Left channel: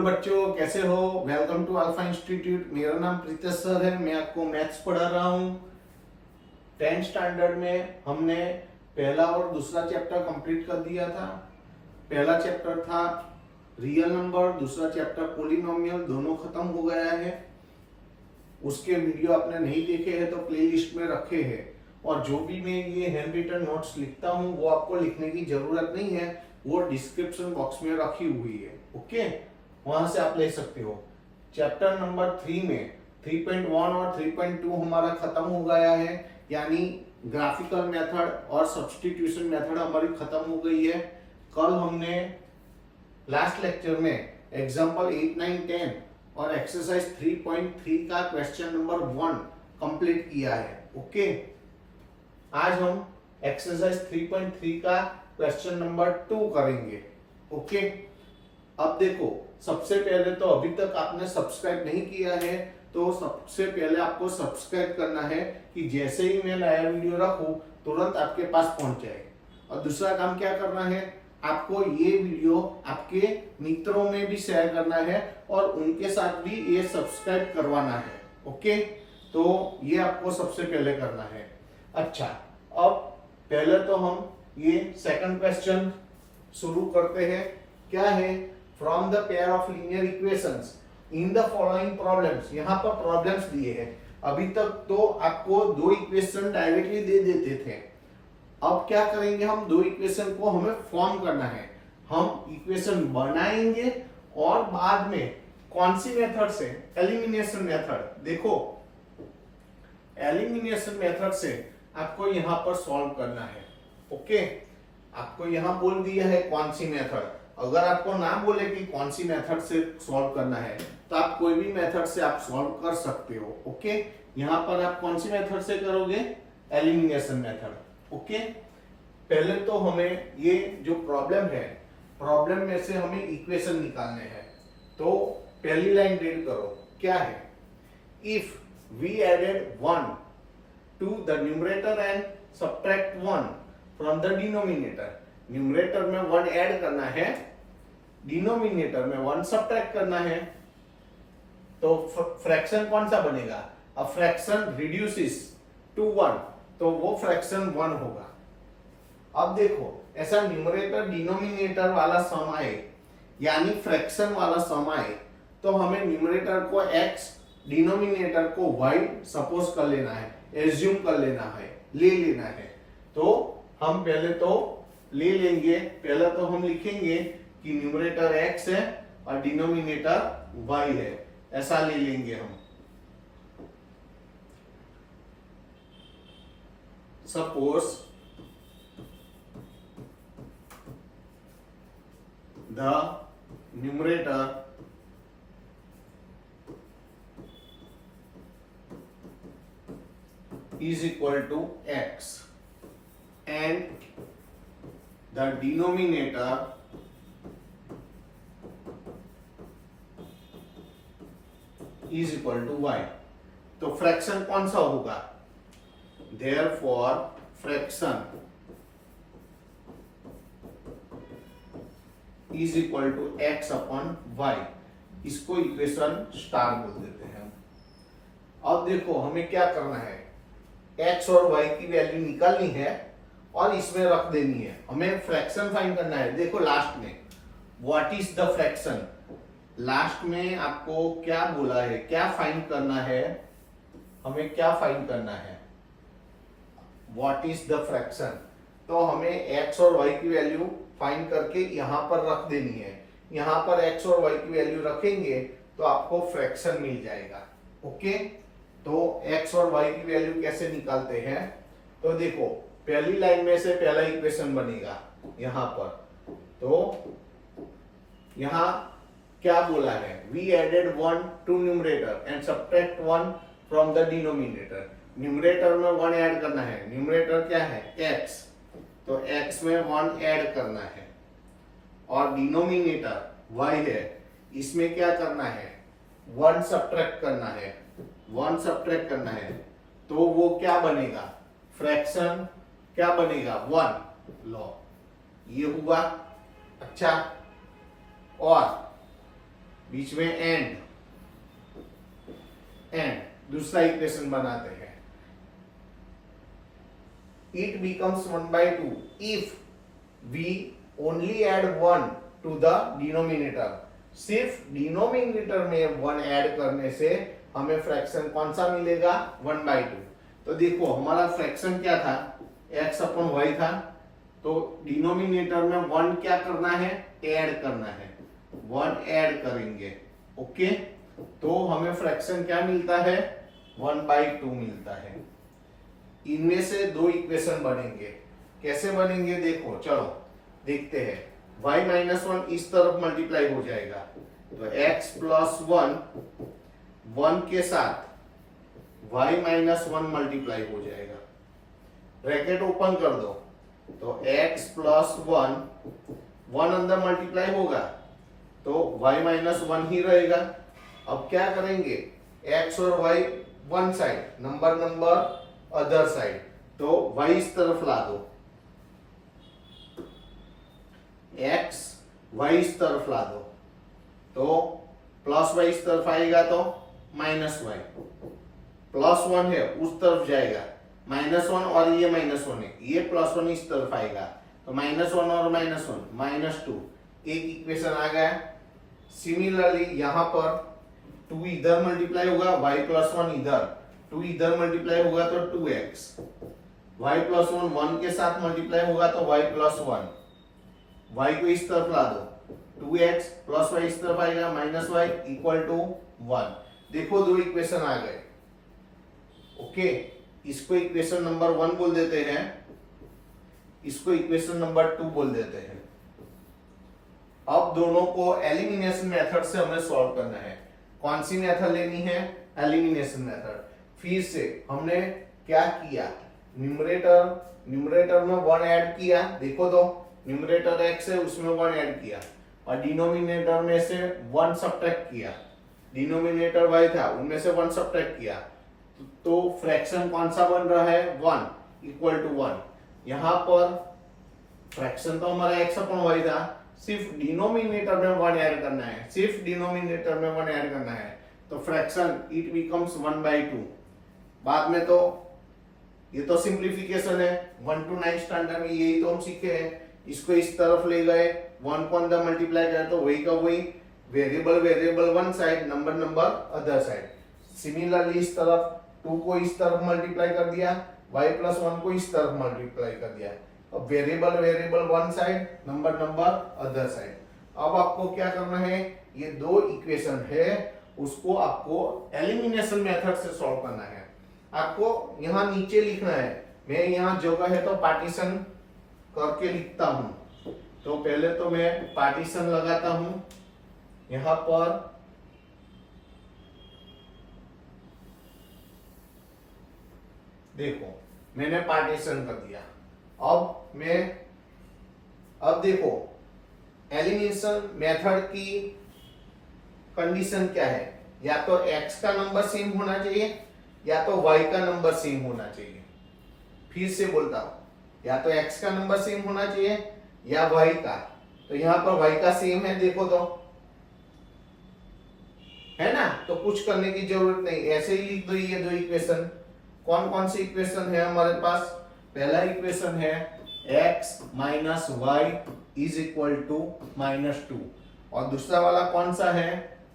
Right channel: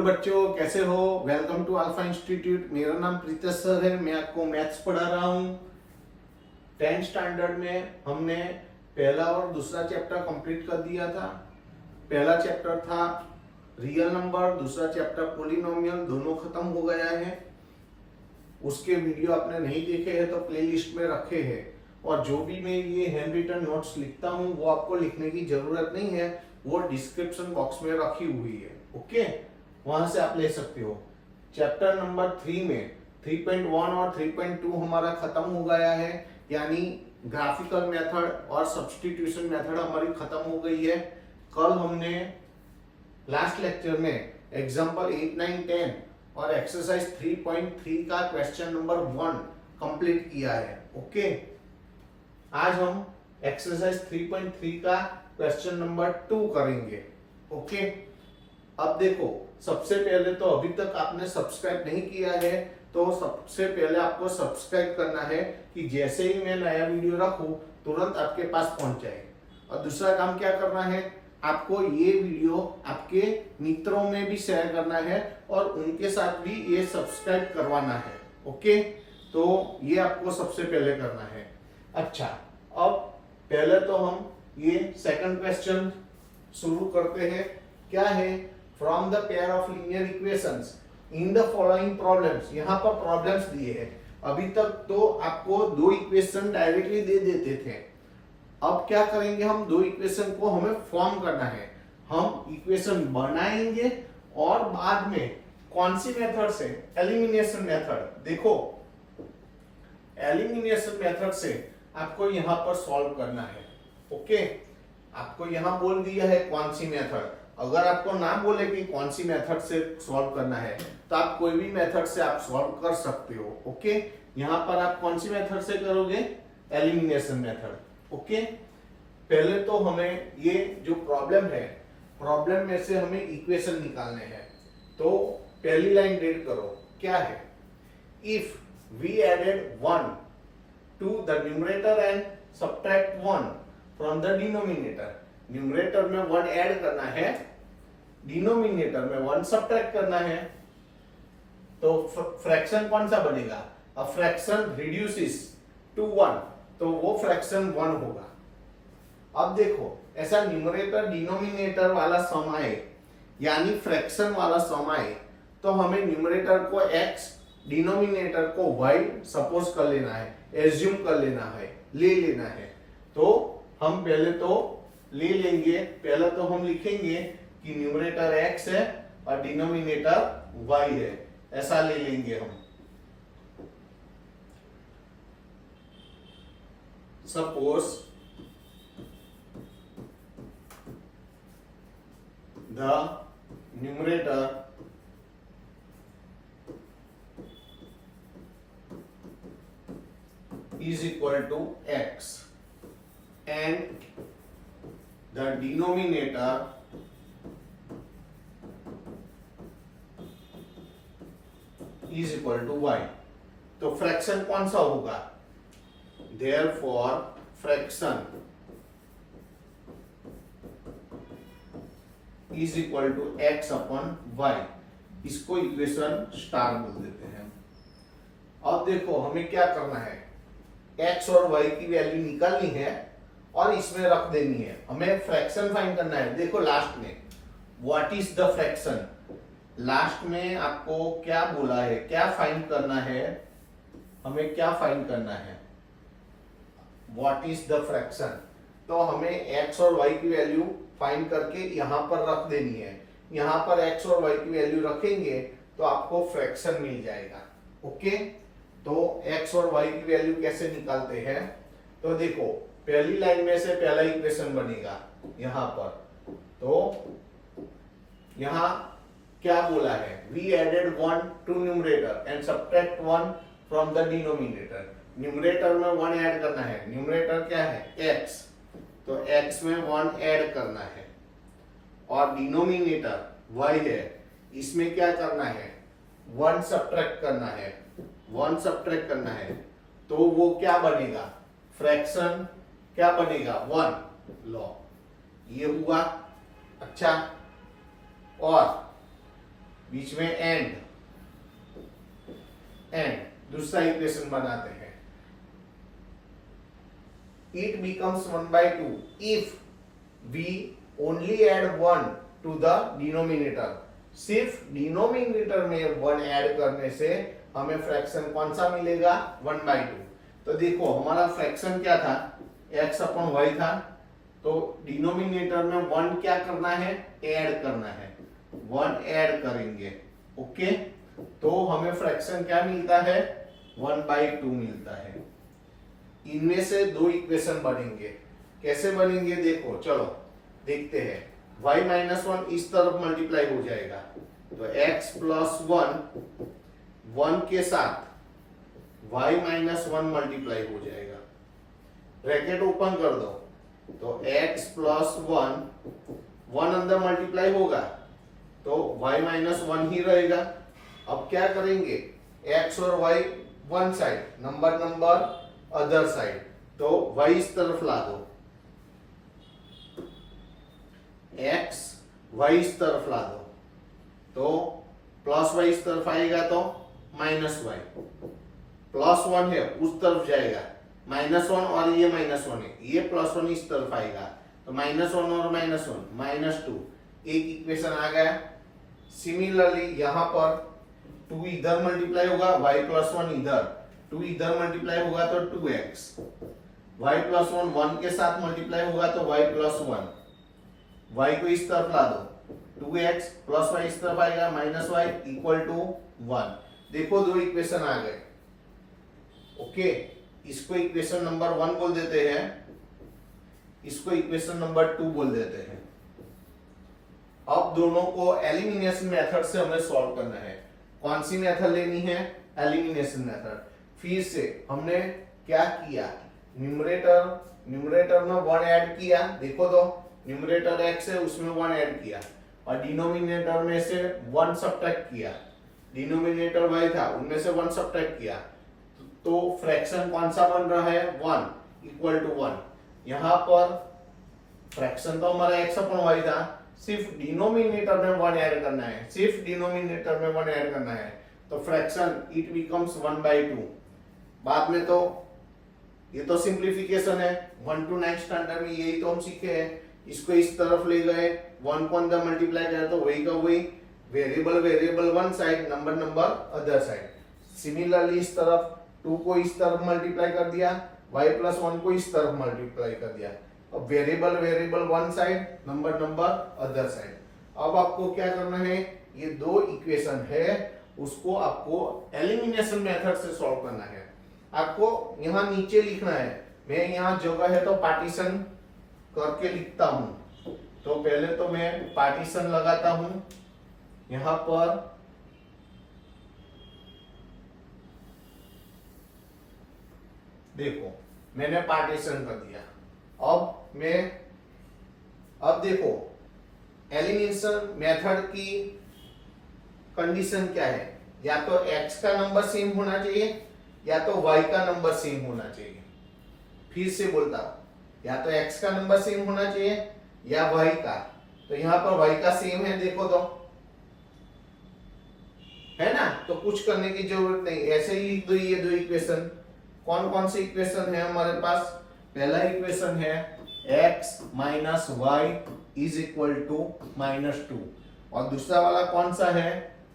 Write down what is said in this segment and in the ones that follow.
Hello बच्चों, कैसे हो। Welcome to alpha institute. मेरा नाम प्रीतेश सर है। मैं आपको मैथ्स पढ़ा रहा हूँ। 10th स्टैंडर्ड में हमने पहला और दूसरा चैप्टर कंप्लीट कर दिया था। पहला चैप्टर था रियल नंबर, दूसरा चैप्टर पॉलिनोमियल, दोनों खत्म हो गया है। उसके वीडियो आपने नहीं देखे हैं तो प्लेलिस्ट में रखे हैं। और जो भी मैं ये हैंड रिटन नोट्स लिखता हूँ वो आपको लिखने की जरूरत नहीं है, वो डिस्क्रिप्शन बॉक्स में रखी हुई है। ओके, वहां से आप ले सकते हो। चैप्टर नंबर 3 में 3.1 और 3.2 हमारा खत्म हो गया है, यानी ग्राफिकल मेथड और सब्स्टिट्यूशन मेथड हमारी खत्म हो गई है। कल हमने लास्ट लेक्चर में एग्जांपल 8, 9, 10 और एक्सरसाइज 3.3 का क्वेश्चन नंबर 1 कंप्लीट किया है। ओके, आज हम एक्सरसाइज 3.3 का क्वेश्चन नंबर 2 करेंगे। ओके, अब देखो, सबसे पहले तो अभी तक आपने सब्सक्राइब नहीं किया है तो सबसे पहले आपको सब्सक्राइब करना है कि जैसे ही मैं नया वीडियो रखूं तुरंत आपके पास पहुंच जाए। और दूसरा काम क्या करना है, आपको ये वीडियो आपके मित्रों में भी शेयर करना है और उनके साथ भी ये सब्सक्राइब करवाना है। ओके, तो ये आपको सबसे पहले करना है। अच्छा, अब पहले तो हम ये सेकंड क्वेश्चन शुरू करते हैं। क्या है, from the pair of linear equations in the following problems. यहाँ पर प्रॉब्लम्स दिए हैं। अभी तक तो आपको दो इक्वेशन डायरेक्टली दे देते थे। अब क्या करेंगे, हम दो इक्वेशन को हमें फॉर्म करना है। हम इक्वेशन बनाएंगे और बाद में कौन सी मेथड से, एलिमिनेशन मेथड। देखो, एलिमिनेशन मेथड से आपको यहां पर सॉल्व करना है। ओके, आपको यहां बोल दिया है कौन सी मेथड। अगर आपको ना बोले कि कौन सी मेथड से सॉल्व करना है तो आप कोई भी मेथड से आप सॉल्व कर सकते हो। ओके, यहां पर आप कौन सी मेथड से करोगे, एलिमिनेशन मेथड। ओके, पहले तो हमें ये जो प्रॉब्लम है, प्रॉब्लम में से हमें इक्वेशन निकालने हैं। तो पहली लाइन रीड करो, क्या है, if we added 1 to the numerator and subtract 1 from the denominator। Numerator में 1 ऐड करना है, डिनोमिनेटर में 1 सब्ट्रैक्ट करना है, तो फ्रैक्शन कौन सा बनेगा। अ फ्रैक्शन रिड्यूसेस टू 1, तो वो फ्रैक्शन 1 होगा। अब देखो, ऐसा न्यूमरेटर डिनोमिनेटर वाला सम आए, यानी फ्रैक्शन वाला सम आए, तो हमें न्यूमरेटर को x, डिनोमिनेटर को y सपोज कर लेना है, एज्यूम कर लेना है, ले लेना है। तो हम पहले तो ले लेंगे, पहले तो हम लिखेंगे कि न्यूमरेटर x है और डिनोमिनेटर y है, ऐसा ले लेंगे हम। Suppose the numerator is equal to x and the denominator is equal to y। तो फ्रैक्शन कौन सा होगा, therefore fraction is equal to x upon y। इसको इक्वेशन स्टार बोल देते हैं। अब देखो, हमें क्या करना है, x और y की वैल्यू निकालनी है और इसमें रख देनी है। हमें फ्रैक्शन फाइंड करना है। देखो लास्ट में what is the fraction, last में आपको क्या बोला है, क्या फाइंड करना है, हमें क्या फाइंड करना है, व्हाट इज द फ्रैक्शन। तो हमें x और y की वैल्यू फाइंड करके यहां पर रख देनी है। यहां पर x और y की वैल्यू रखेंगे तो आपको फ्रैक्शन मिल जाएगा। ओके, तो x और y की वैल्यू कैसे निकालते हैं, तो देखो पहली लाइन में से पहला इक्वेशन बनेगा यहां पर। तो यहां क्या बोला है, we added 1 to numerator and subtract 1 from the denominator. Numerator में 1 ऐड करना है, न्यूमरेटर क्या है, x, तो x में 1 ऐड करना है और डिनोमिनेटर y है, इसमें क्या करना है, 1 सब्ट्रैक्ट करना है, 1 सब्ट्रैक्ट करना है। तो वो क्या बनेगा, फ्रैक्शन क्या बनेगा, 1 लॉ, ये हुआ। अच्छा, और बीच में एंड दूसरा इक्वेशन बनाते हैं। It becomes 1/2 if we only add 1 to the denominator। सिर्फ डिनोमिनेटर में 1 ऐड करने से हमें फ्रैक्शन कौन सा मिलेगा? 1/2। तो देखो हमारा फ्रैक्शन क्या था? x अपॉन y था। तो डिनोमिनेटर में 1 क्या करना है? ऐड करना है। 1 ऐड करेंगे। ओके, तो हमें फ्रैक्शन क्या मिलता है? 1/2 मिलता है। इनमें से दो इक्वेशन बनेंगे। कैसे बनेंगे देखो, चलो देखते हैं। y माइनस 1 इस तरफ मल्टीप्लाई हो जाएगा, तो x प्लस 1 के साथ y माइनस 1 मल्टीप्लाई हो जाएगा। ब्रैकेट ओपन कर दो, तो x प्लस 1 अंदर मल्टीप्लाई होगा तो y माइनस 1 ही रहेगा। अब क्या करेंगे? x और y one side, number other side, तो y इस तरफ ला दो, x y इस तरफ ला दो, तो प्लस y इस तरफ आएगा तो माइनस y, प्लस 1 है उस तरफ जाएगा, -1 और ये -1 है, ये +1 इस तरफ आएगा, तो -1 और -1 -2, एक इक्वेशन आ गया। सिमिलरली यहां पर 2 इधर मल्टीप्लाई होगा, y प्लस 1 इधर, 2 इधर मल्टीप्लाई होगा तो 2x, y प्लस 1 के साथ मल्टीप्लाई होगा तो y प्लस 1, y को इस तरफ ला दो, 2x प्लस y इस तरफ आएगा, -y इक्वल टू 1। देखो दो इक्वेशन आ गए। ओके, इसको इक्वेशन नंबर 1 बोल देते हैं, इसको इक्वेशन नंबर 2 बोल देते हैं। अब दोनों को एलिमिनेशन मेथड से हमें सॉल्व करना है। कौन सी मेथड लेनी है? Elimination method. फिर से हमने क्या किया? न्यूमरेटर में 1 ऐड किया, देखो तो न्यूमरेटर x है उसमें 1 ऐड किया, और डिनोमिनेटर में से 1 सब्ट्रैक्ट किया, डिनोमिनेटर y था उनमें से 1 सब्ट्रैक्ट किया, तो फ्रैक्शन कौन सा बन रहा है? 1 इक्वल टू 1। यहां पर फ्रैक्शन तो हमारा x अपॉन y था, सिर्फ डिनोमिनेटर में 1 ऐड करना है, सिर्फ डिनोमिनेटर में 1 ऐड करना है, तो फ्रैक्शन इट बिकम्स 1/2। बाद में तो ये तो सिंप्लीफिकेशन है, 1 to 9 स्टैंडर्ड में यही तो हम सीखे हैं। इसको इस तरफ ले गए, 1 को अंदर मल्टीप्लाई किया तो वही का वही, variable one side, number other side. Similarly इस तरफ 2 को इस तरफ मल्टीप्लाई कर दिया, y प्लस 1 को इस तरफ मल्टीप्लाई कर दिया। अब variable one side, number other side. अब आपको क्या करना है? ये दो इक्वेशन है, उसको आपको एलिमिनेशन मेथड से सॉल्व करना है। आपको यहाँ नीचे लिखना है, मैं यहाँ जगह है तो पार्टीशन करके लिखता हूं। तो पहले तो मैं पार्टीशन लगाता हूं यहां पर, देखो मैंने पार्टीशन कर दिया। अब देखो एलिमिनेशन मेथड की कंडीशन क्या है? या तो x का नंबर सेम होना चाहिए या तो y का नंबर सेम होना चाहिए। फिर से बोलता हूं, या तो x का नंबर सेम होना चाहिए या y का। तो यहां पर y का सेम है, देखो तो है ना, तो कुछ करने की जरूरत नहीं, ऐसे ही लिख दो ये दो इक्वेशन। कौन से इक्वेशन है हमारे पास? पहला इक्वेशन है x minus y is equal to -2, और दूसरा वाला कौन सा है?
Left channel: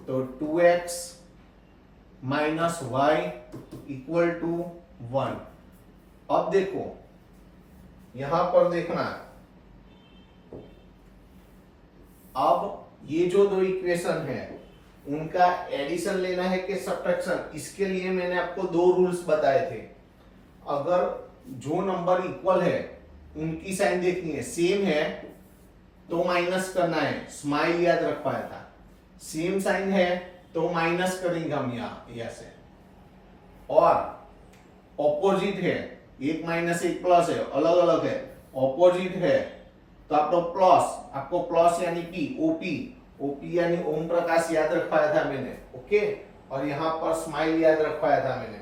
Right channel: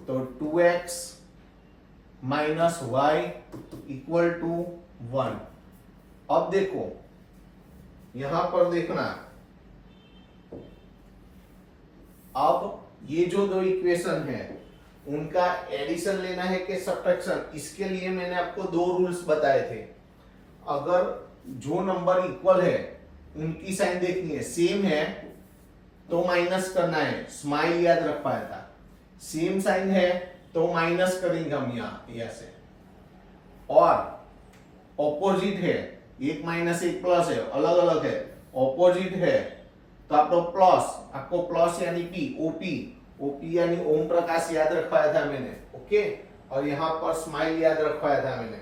तो 2x minus y equal to 1। अब देखो यहां पर देखना, अब ये जो दो इक्वेशन है उनका एडिशन लेना है कि सब्ट्रैक्शन? इसके लिए मैंने आपको दो रूल्स बताए थे। अगर जो नंबर इक्वल है उनकी साइन देखनी है, सेम है तो माइनस करना है, स्माइल याद रख पाया था। सेम साइन है तो माइनस करेंगे हम यहां से, और ऑपोजिट है, एक माइनस एक प्लस है, अलग अलग है, ऑपोजिट है तो आपको प्लस यानी पी, ओपी यानी ओम प्रकाश याद रख पाया था मैंने। ओके, और यहाँ पर स्माइल याद रख पाया था मैंने।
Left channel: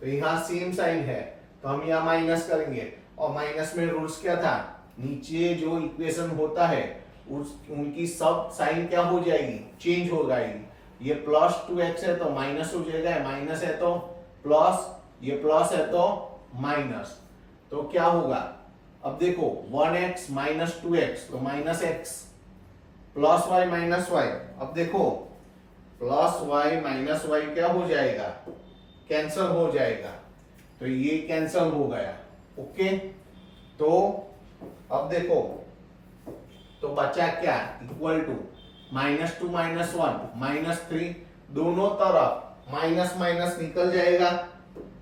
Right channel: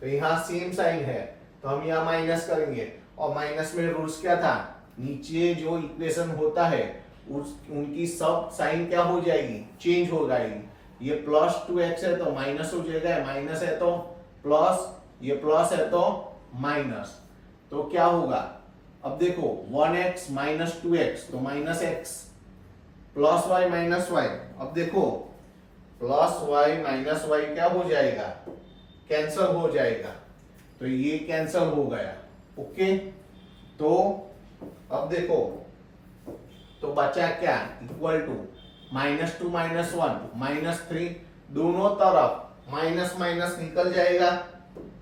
तो यहाँ सेम साइन है तो हम यहाँ माइनस करेंगे, और माइनस में रूल्स क्या था? नीचे जो इक्वेशन होता है उनकी सब साइन क्या हो जाएगी? चेंज हो जाएगी। ये प्लस 2x है तो माइनस हो जाएगा, माइनस है तो प्लस, ये प्लस है तो माइनस, तो क्या होगा? अब देखो 1x माइनस 2x तो minus x, plus y minus y, अब देखो प्लस y माइनस y क्या हो जाएगा? कैंसल हो जाएगा, तो ये कैंसल हो गया। ओके, तो अब देखो, तो बचा क्या? इक्वल टू -2 -1 -3, दोनों तरफ माइनस माइनस निकल जाएगा,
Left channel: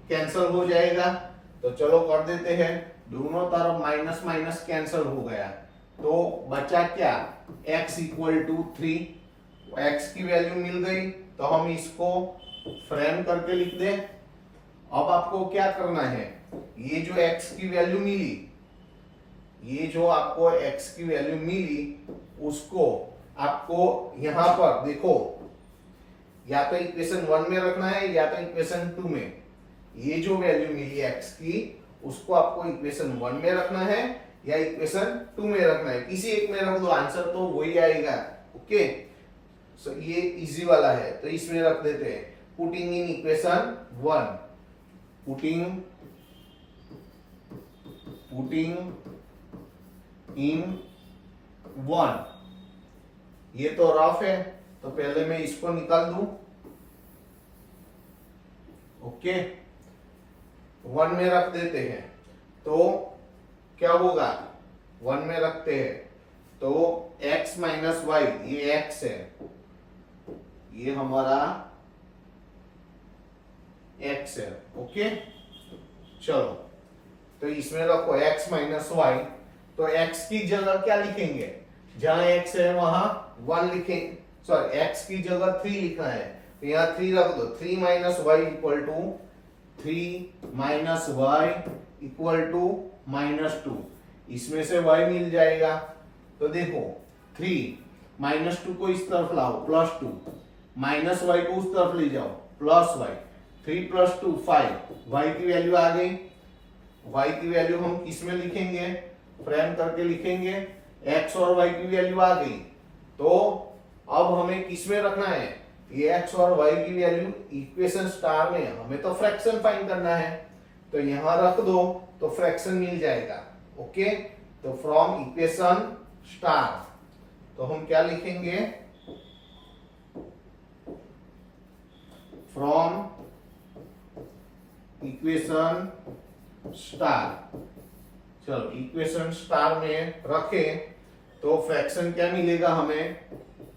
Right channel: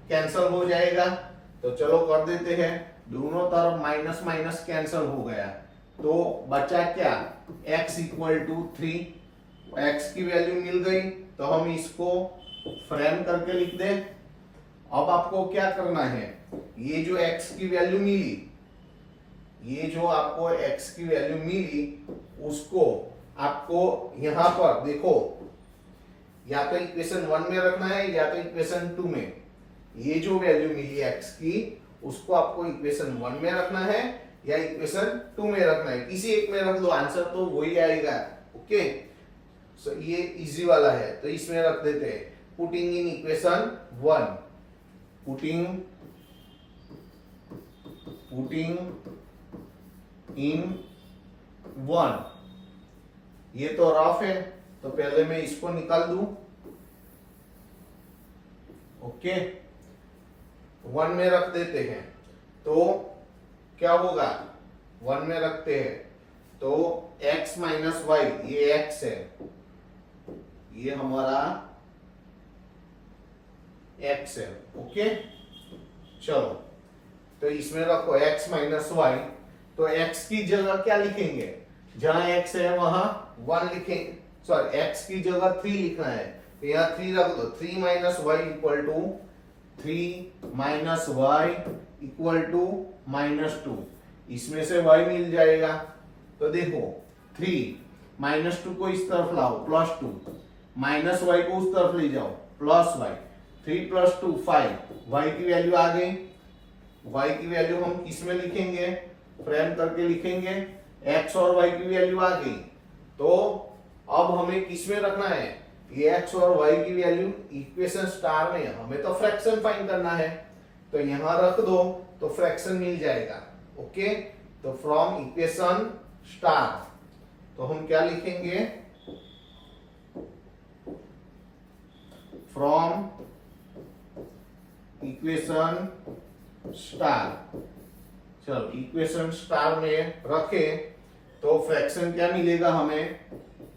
कैंसल हो जाएगा। तो चलो कर देते हैं, दोनों तरफ माइनस माइनस कैंसल हो गया, तो बचा क्या? x इक्वल टू 3, x की वैल्यू मिल गई, तो हम इसको फ्रेम करके लिख दें। अब आपको क्या करना है, ये जो x की वैल्यू मिली, ये जो आपको x की वैल्यू मिली, उसको आपको यहां पर देखो, या तो इक्वेशन 1 में रखना है या तो इक्वेशन 2 में। ये जो वैल्यू मिली x की, उसको आपको इक्वेशन 1 में रखना है या इक्वेशन 2 में रखना है, किसी एक में रख दो, आंसर तो वही आएगा। ओके, सो ये इजी वाला है, तो इसमें रख देते हैं, पुटिंग इन इक्वेशन 1, पुटिंग इन 1। ये तो रफ है, तो पहले मैं इसको निकाल दूं। ओके, 1 में रख देते हैं, तो क्या होगा? 1 में रखते हैं तो x माइनस वाई, ये x है, ये हमारा x है। ओके, चलो, तो इसमें रखो x माइनस वाई, तो x की जगह क्या लिखेंगे? जहां x है वहां 1 लिखेंगे, सॉरी x की जगह 3 लिखना है, तो यहाँ 3 रख दो। 3 minus y equal to 3 minus y equal to -2, इसमें से y मिल जाएगा। तो देखो 3 -2 को इस तरफ लाओ, +2, माइनस वाई को उस तरफ ले जाओ, प्लस वाई, 3 + 2 5, y की वैल्यू आ गई। y की वैल्यू हम किस में लिखेंगे? फ्रेम करके लिखेंगे, x और y की वैल्यू आ गई, तो अब हमें किस में रखना है? ये x और y की वैल्यू इक्वेशन स्टार में, हमें तो फ्रैक्शन फाइंड करना है, तो यहां रख दो तो फ्रैक्शन मिल जाएगा। ओके, तो फ्रॉम इक्वेशन स्टार, तो हम क्या लिखेंगे? फ्रॉम इक्वेशन स्टार, चलो इक्वेशन स्टार में रखे तो फ्रैक्शन क्या मिलेगा हमें?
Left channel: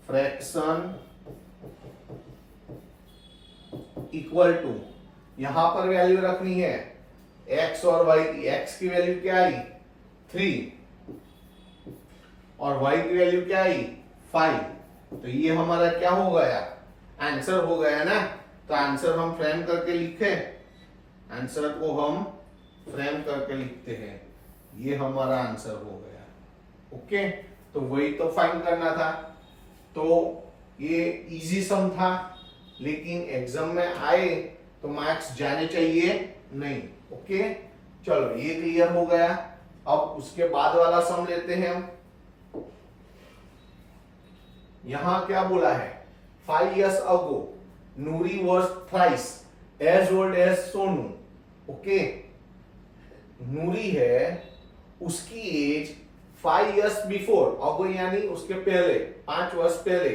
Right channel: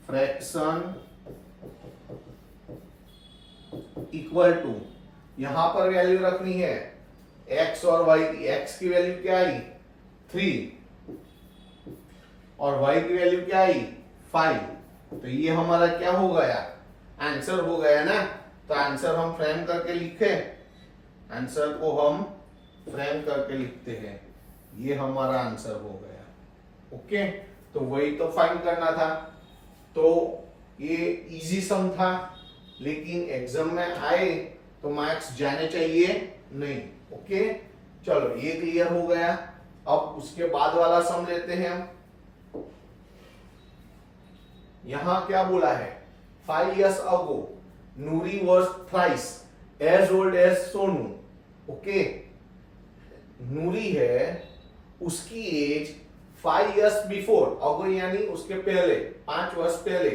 फ्रैक्शन इक्वल टू, यहां पर वैल्यू रखनी है x और y की। x की वैल्यू क्या आई? 3, और y की वैल्यू क्या आई? 5, तो ये हमारा क्या हो गया? आंसर हो गया ना। तो आंसर हम फ्रेम करके लिखे, आंसर को हम फ्रेम करके लिखते हैं, ये हमारा आंसर हो गया। ओके, तो वही तो फाइंड करना था, तो ये इजी सम था, लेकिन एग्जाम में आए तो मार्क्स जाने चाहिए नहीं। ओके, चलो ये क्लियर हो गया। अब उसके बाद वाला सम लेते हैं हम। यहां क्या बोला है? 5 years ago Noori was thrice as old as Sonu. Okay, Noori है, उसकी एज 5 years बिफोर, अगो यानी उसके पहले, 5 वर्ष पहले,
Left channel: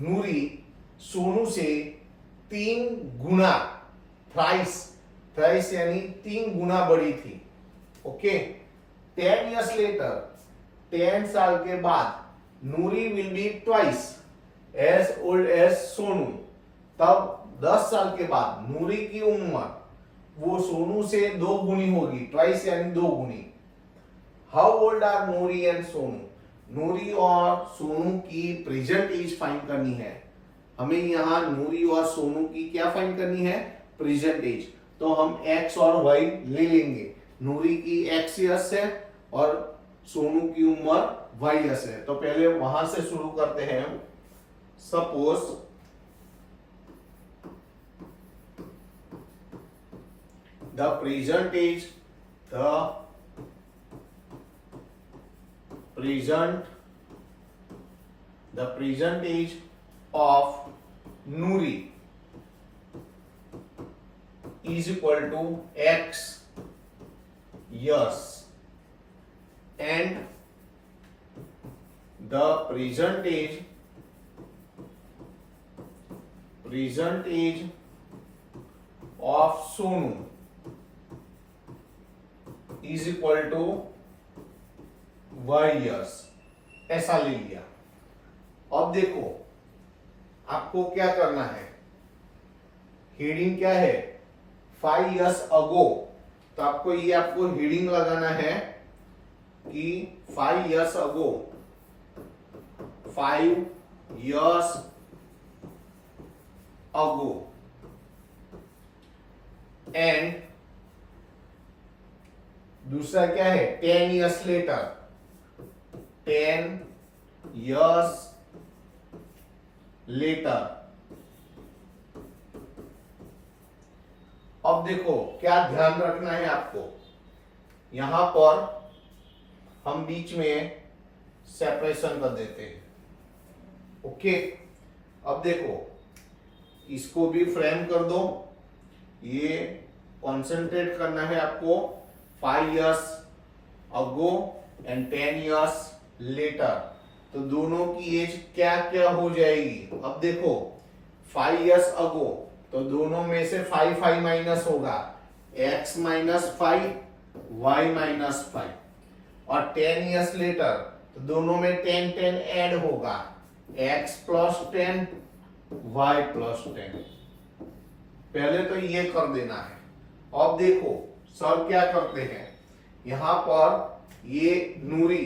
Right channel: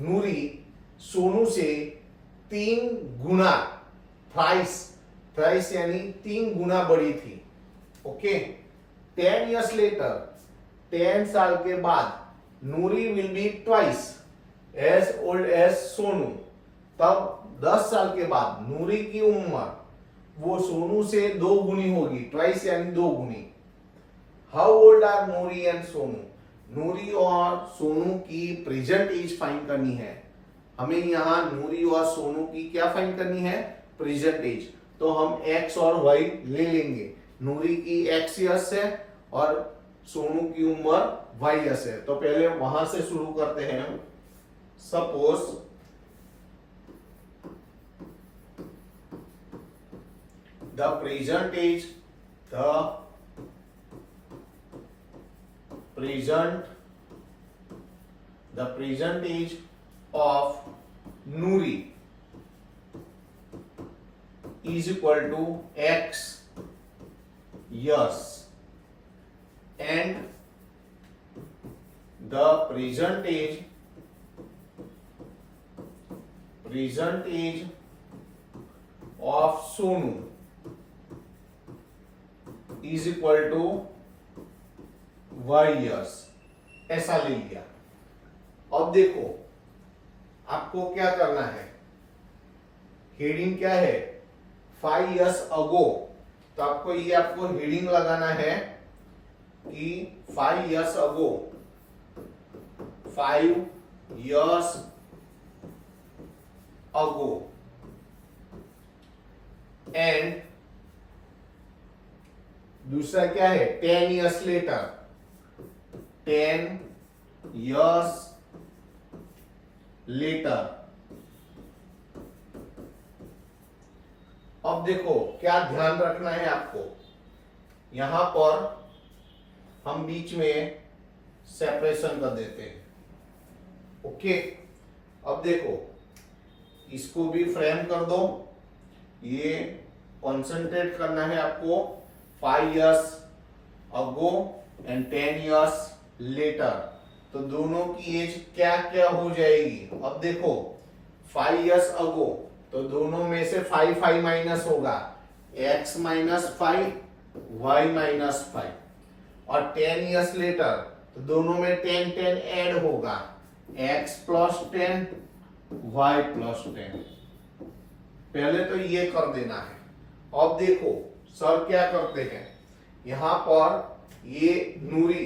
नूरी सोनू से 3 गुना, थ्राइस यानी 3 गुना बड़ी थी। ओके, 10 years लेटर, 10 साल के बाद Noori will be twice as old as Sonu, तब 10 साल के बाद नूरी की उम्र वो सोनू से 2 गुनी होगी, ट्वाइस यानी 2 गुनी। How old are Noori and Sonu? Noori और सोनू की प्रेजेंट एज फाइंड करनी है हमें। यहां नूरी और सोनू की क्या फाइंड करनी है? Present age. तो हम x और y ले लेंगे, नूरी की x ईयर्स है और सोनू की उम्र y ईयर्स है। तो पहले वहां से शुरू करते हैं हम। Suppose the present age of Noori is equal to x years and the present age of Sonu is equal to y years, ऐसा ले लिया। अब देखो आपको क्या करना है, हेडिंग क्या है 5 years ago, तो आपको ये आपको हेडिंग लगाना है कि 5 years ago, 5 years ago and दूसरा क्या है 10 years later, 10 years later। अब देखो क्या ध्यान रखना है आपको, यहां पर हम बीच में सेपरेशन कर देते हैं। ओके, अब देखो इसको भी फ्रेम कर दो, ये कंसंट्रेट करना है आपको 5 years ago and 10 years later, तो दोनों की एज क्या क्या हो जाएगी। अब देखो 5 years ago, तो दोनों में से 5 माइनस होगा, x -5 y -5, और 10 years later, तो दोनों में 10 ऐड होगा, x +10 y +10। पहले तो ये कर देना है। अब देखो सर क्या करते हैं, यहां पर ये नूरी,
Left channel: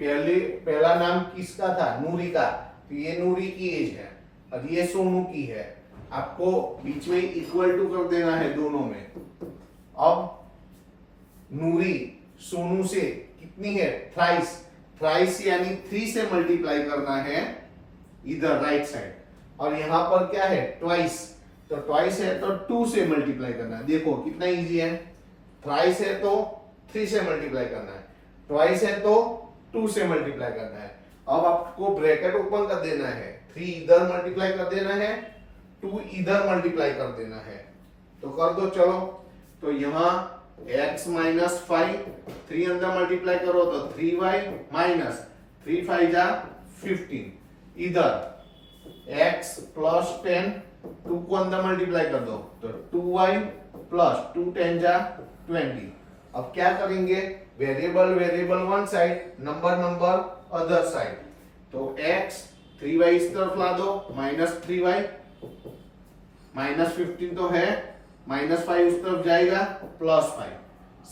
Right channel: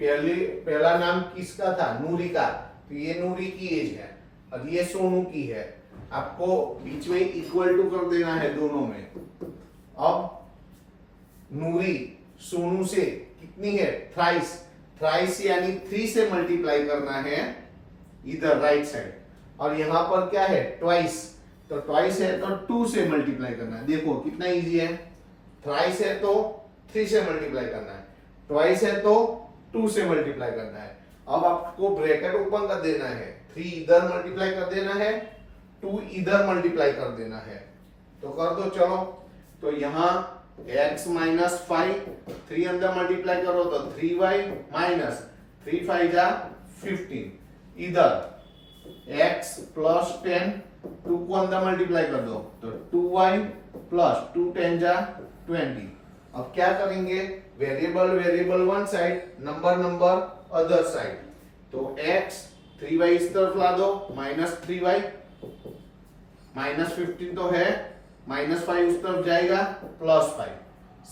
पहला नाम किसका था, नूरी का, तो ये नूरी की एज है और ये सोनू की है। आपको बीच में इक्वल टू कर देना है दोनों में। अब नूरी सोनू से कितनी है, थ्राइस यानी 3 से मल्टीप्लाई करना है इधर राइट साइड, और यहां पर क्या है ट्वाइस, तो ट्वाइस है तो 2 से मल्टीप्लाई करना है। देखो कितना इजी है, थ्राइस है तो 3 से मल्टीप्लाई करना है, ट्वाइस है तो 2 से मल्टीप्लाई करना है। अब आपको ब्रैकेट ओपन कर देना है, 3 इधर मल्टीप्लाई कर देना है, 2 इधर मल्टीप्लाई कर देना है, तो कर दो चलो। तो यहां x -5, 3 अंदर मल्टीप्लाई करो तो 3y -3 5 15, इधर x +10, 2 को अंदर मल्टीप्लाई कर दो तो 2y +2 10 20। अब क्या करेंगे, variable one side, number other side, तो x 3y इस तरफ ला दो, -3y, -15 तो है, -5 उस तरफ जाएगा, +5।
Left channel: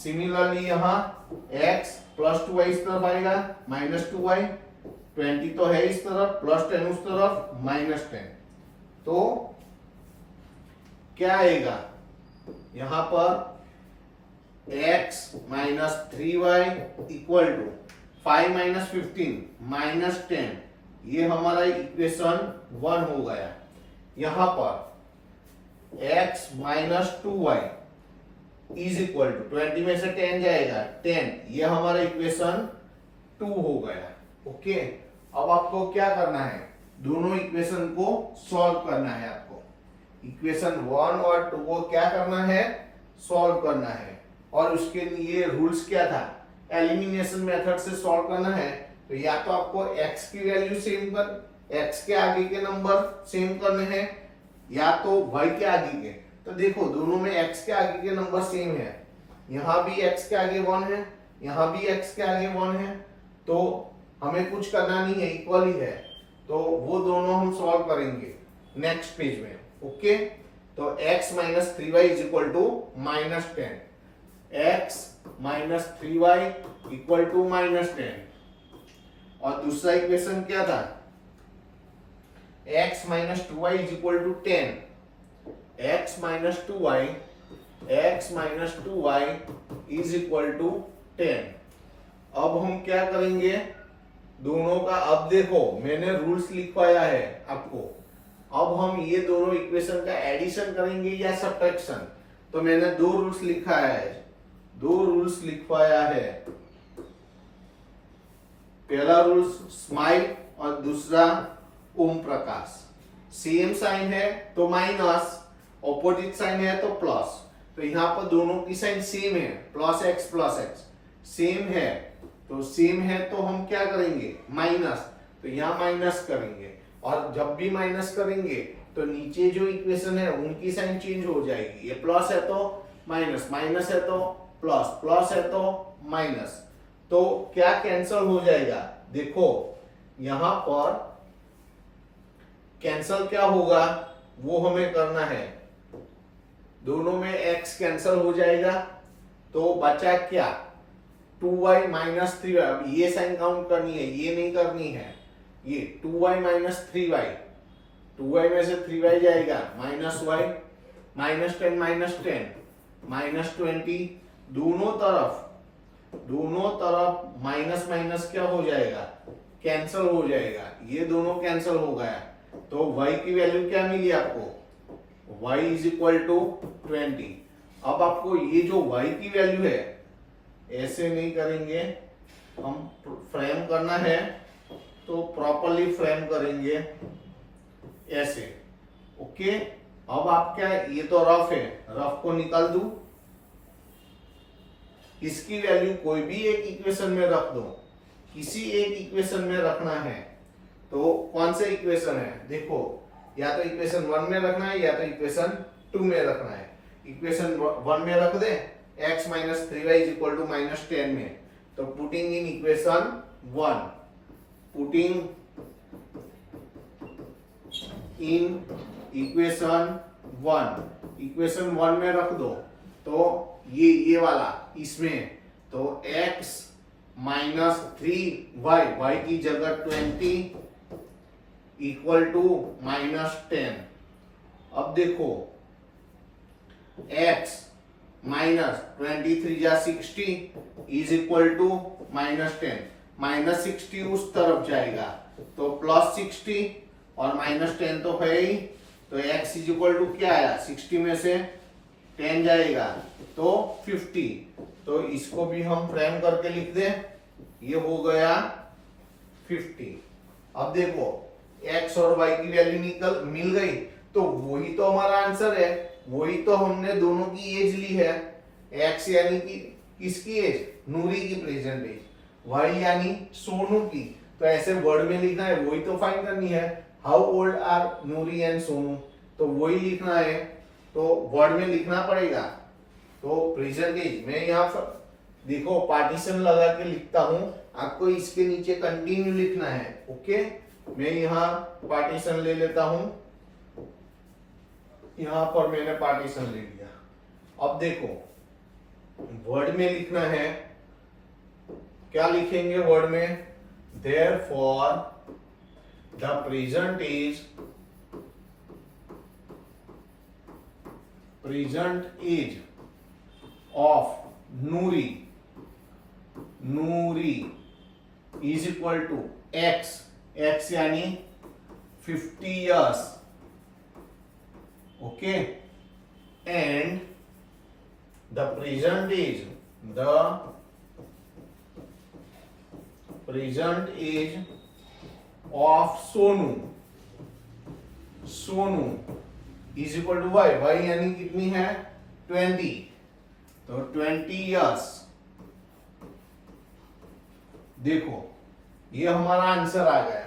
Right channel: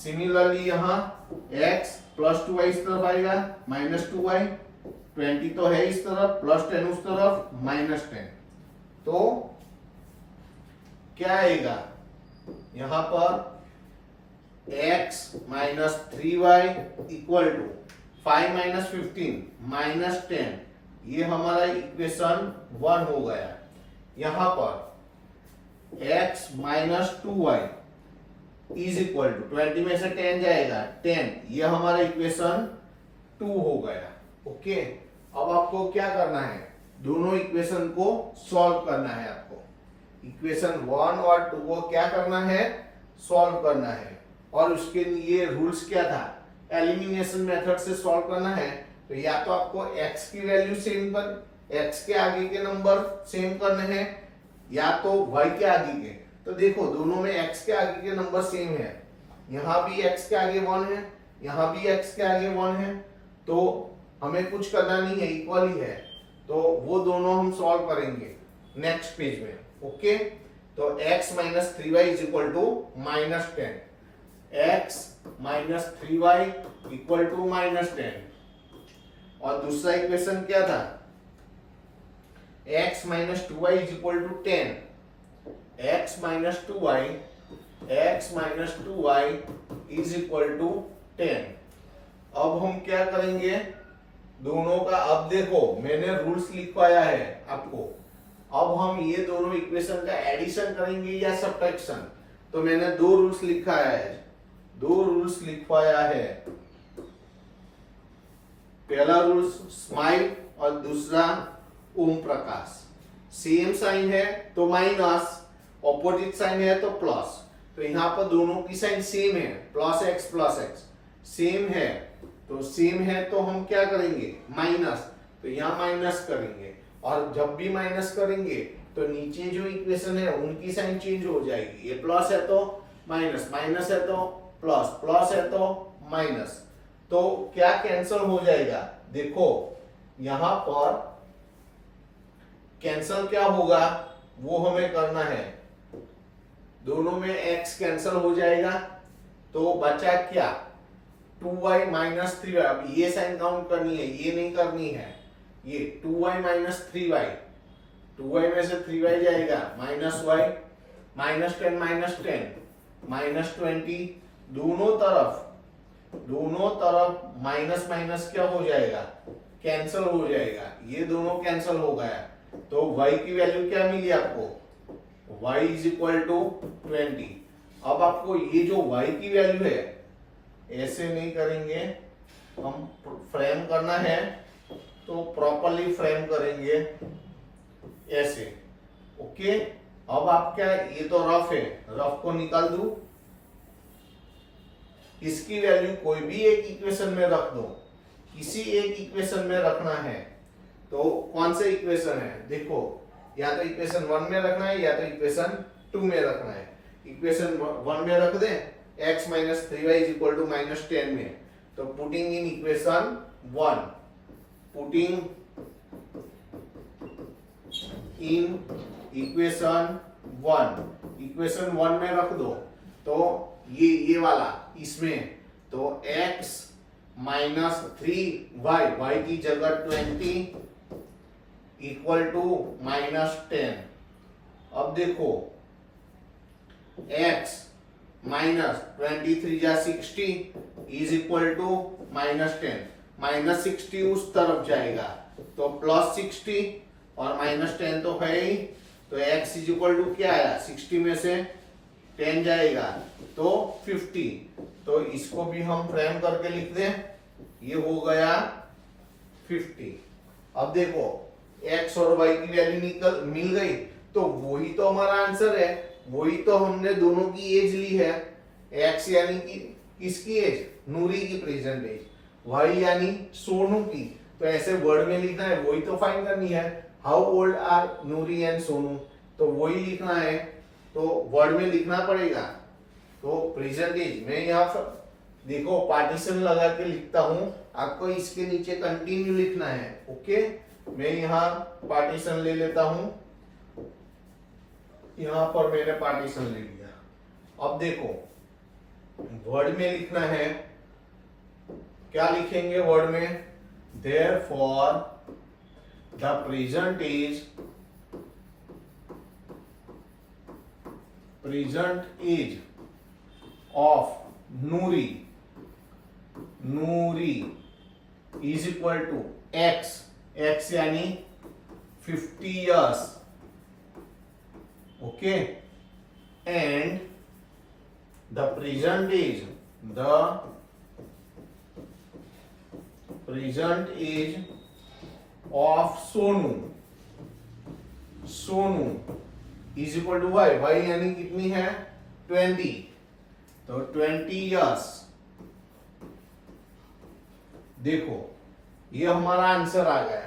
सिमिलरली यहां x +2y इस तरफ आएगा, -2y, 20 तो है इस तरफ, +10 उस तरफ, -10। तो क्या आएगा यहां पर, x -3y इक्वल टू 5 -15 -10, ये हमारा इक्वेशन 1 हो गया। यहां पर x -2y is equal to 20 में से 10 जाएगा 10, ये हमारा इक्वेशन 2 हो गया। ओके, अब आपको क्या करना है, दोनों इक्वेशन को सॉल्व करना है। आपको इक्वेशन 1 और 2 को क्या करना है, सॉल्व करना है, और उसके लिए रूल्स क्या था, एलिमिनेशन मेथड से सॉल्व करना है। तो या तो आपको x की वैल्यू सेम कर, x के आगे के नंबर सेम करने हैं, या तो y के आगे के। तो देखो दोनों में x के आगे के नंबर सेम है, यहां भी x के आगे 1 है, यहां भी x के आगे 1 है, तो हमें कुछ करना नहीं है, इक्वल ही है, तो वो दोनों हम सॉल्व करेंगे नेक्स्ट पेज में। ओके, तो x -3y is equal to -10, x -3y equal to -10, और दूसरा इक्वेशन क्या था, x -2y is equal to 10, x -2y is equal to 10। अब हम क्या करेंगे, दोनों का, अब देखो मैंने रूल्स लिखवाया है आपको, अब हम ये दोनों इक्वेशन का एडिशन करेंगे या सब्ट्रैक्शन। तो मैंने 2 रूल्स लिखवाया है, पहला रूल्स स्माइल और दूसरा ओम प्रकाश। सेम साइन है तो माइनस, ऑपोजिट साइन है तो प्लस। तो यहाँ पर दोनों की साइन सेम है, प्लस एक्स सेम है, तो सेम है तो हम क्या करेंगे माइनस, तो यहाँ माइनस करेंगे। और जब भी माइनस करेंगे तो नीचे जो इक्वेशन है उनकी साइन चेंज हो जाएगी। ये प्लस है तो माइनस, माइनस है तो प्लस, प्लस है तो माइनस, तो क्या कैंसल हो जाएगा, देखो यहां पर कैंसल क्या होगा वो हमें करना है। दोनों में x कैंसल हो जाएगा तो बचा क्या 2y माइनस 3y। अब ये साइन काउंट करनी है, ये नहीं करनी है। ये 2y माइनस 3y, 2y में से 3y जाएगा, माइनस y, माइनस 10 माइनस 20, दोनों तरफ माइनस माइनस क्या हो जाएगा कैंसल हो जाएगा। ये दोनों कैंसल हो गया तो y की वैल्यू क्या मिली आपको, y इज इक्वल टू 20। अब आपको ये जो y की वैल्यू है ऐसे नहीं करेंगे, हम फ्रेम करना है तो प्रॉपरली फ्रेम करेंगे ऐसे। ओके, अब आप क्या, ये तो रफ है, रफ को निकाल दू, इसकी वैल्यू कोई भी एक इक्वेशन में रख दो, किसी एक इक्वेशन में रखना है। तो कौन से इक्वेशन है, देखो या तो इक्वेशन 1 में रखना है या तो इक्वेशन 2 में रखना है। इक्वेशन 1 में रख दे x minus 3y is equal to minus 10 में, तो putting in equation 1, putting in equation 1 में रख दो, तो ये वाला इसमें, तो x माइनस 3y, y की जगह 20 इक्वल टू माइनस 10। अब देखो x माइनस 23 जा 60 is equal to minus 10, minus 60 उस तरफ जाएगा तो प्लस 60 और माइनस 10 तो है ही, तो x इज इक्वल टू क्या आया, 60 में से 10 जाएगा तो 50। तो इसको भी हम फ्रेम करके लिख दे, ये हो गया 50। अब देखो x और y की वैल्यू मिल गई, तो वही तो हमारा आंसर है, वही तो हमने दोनों की एज ली है। x यानी कि किसकी एज, नूरी की प्रेजेंट एज, y यानी सोनू की, तो ऐसे वर्ड में लिखना है, वही तो फाइंड करनी है। How old are Noori and Sonu, तो वही लिखना है, तो वर्ड में लिखना पड़ेगा। तो प्रेजेंट एज मैं यहाँ पर देखो पार्टीशन लगा के लिखता हूं, आपको इसके नीचे कंटिन्यू लिखना है। ओके, मैं यहाँ पार्टीशन ले लेता हूं, यहां पर मैंने पार्टीशन ले लिया। अब देखो वर्ड में लिखना है, क्या लिखेंगे वर्ड में, therefore the present age of Noori is equal to x यानी 50 years, okay, and the present age of Sonu is equal to y यानी कितनी है 20, तो 20 years। देखो ये हमारा आंसर आ गया।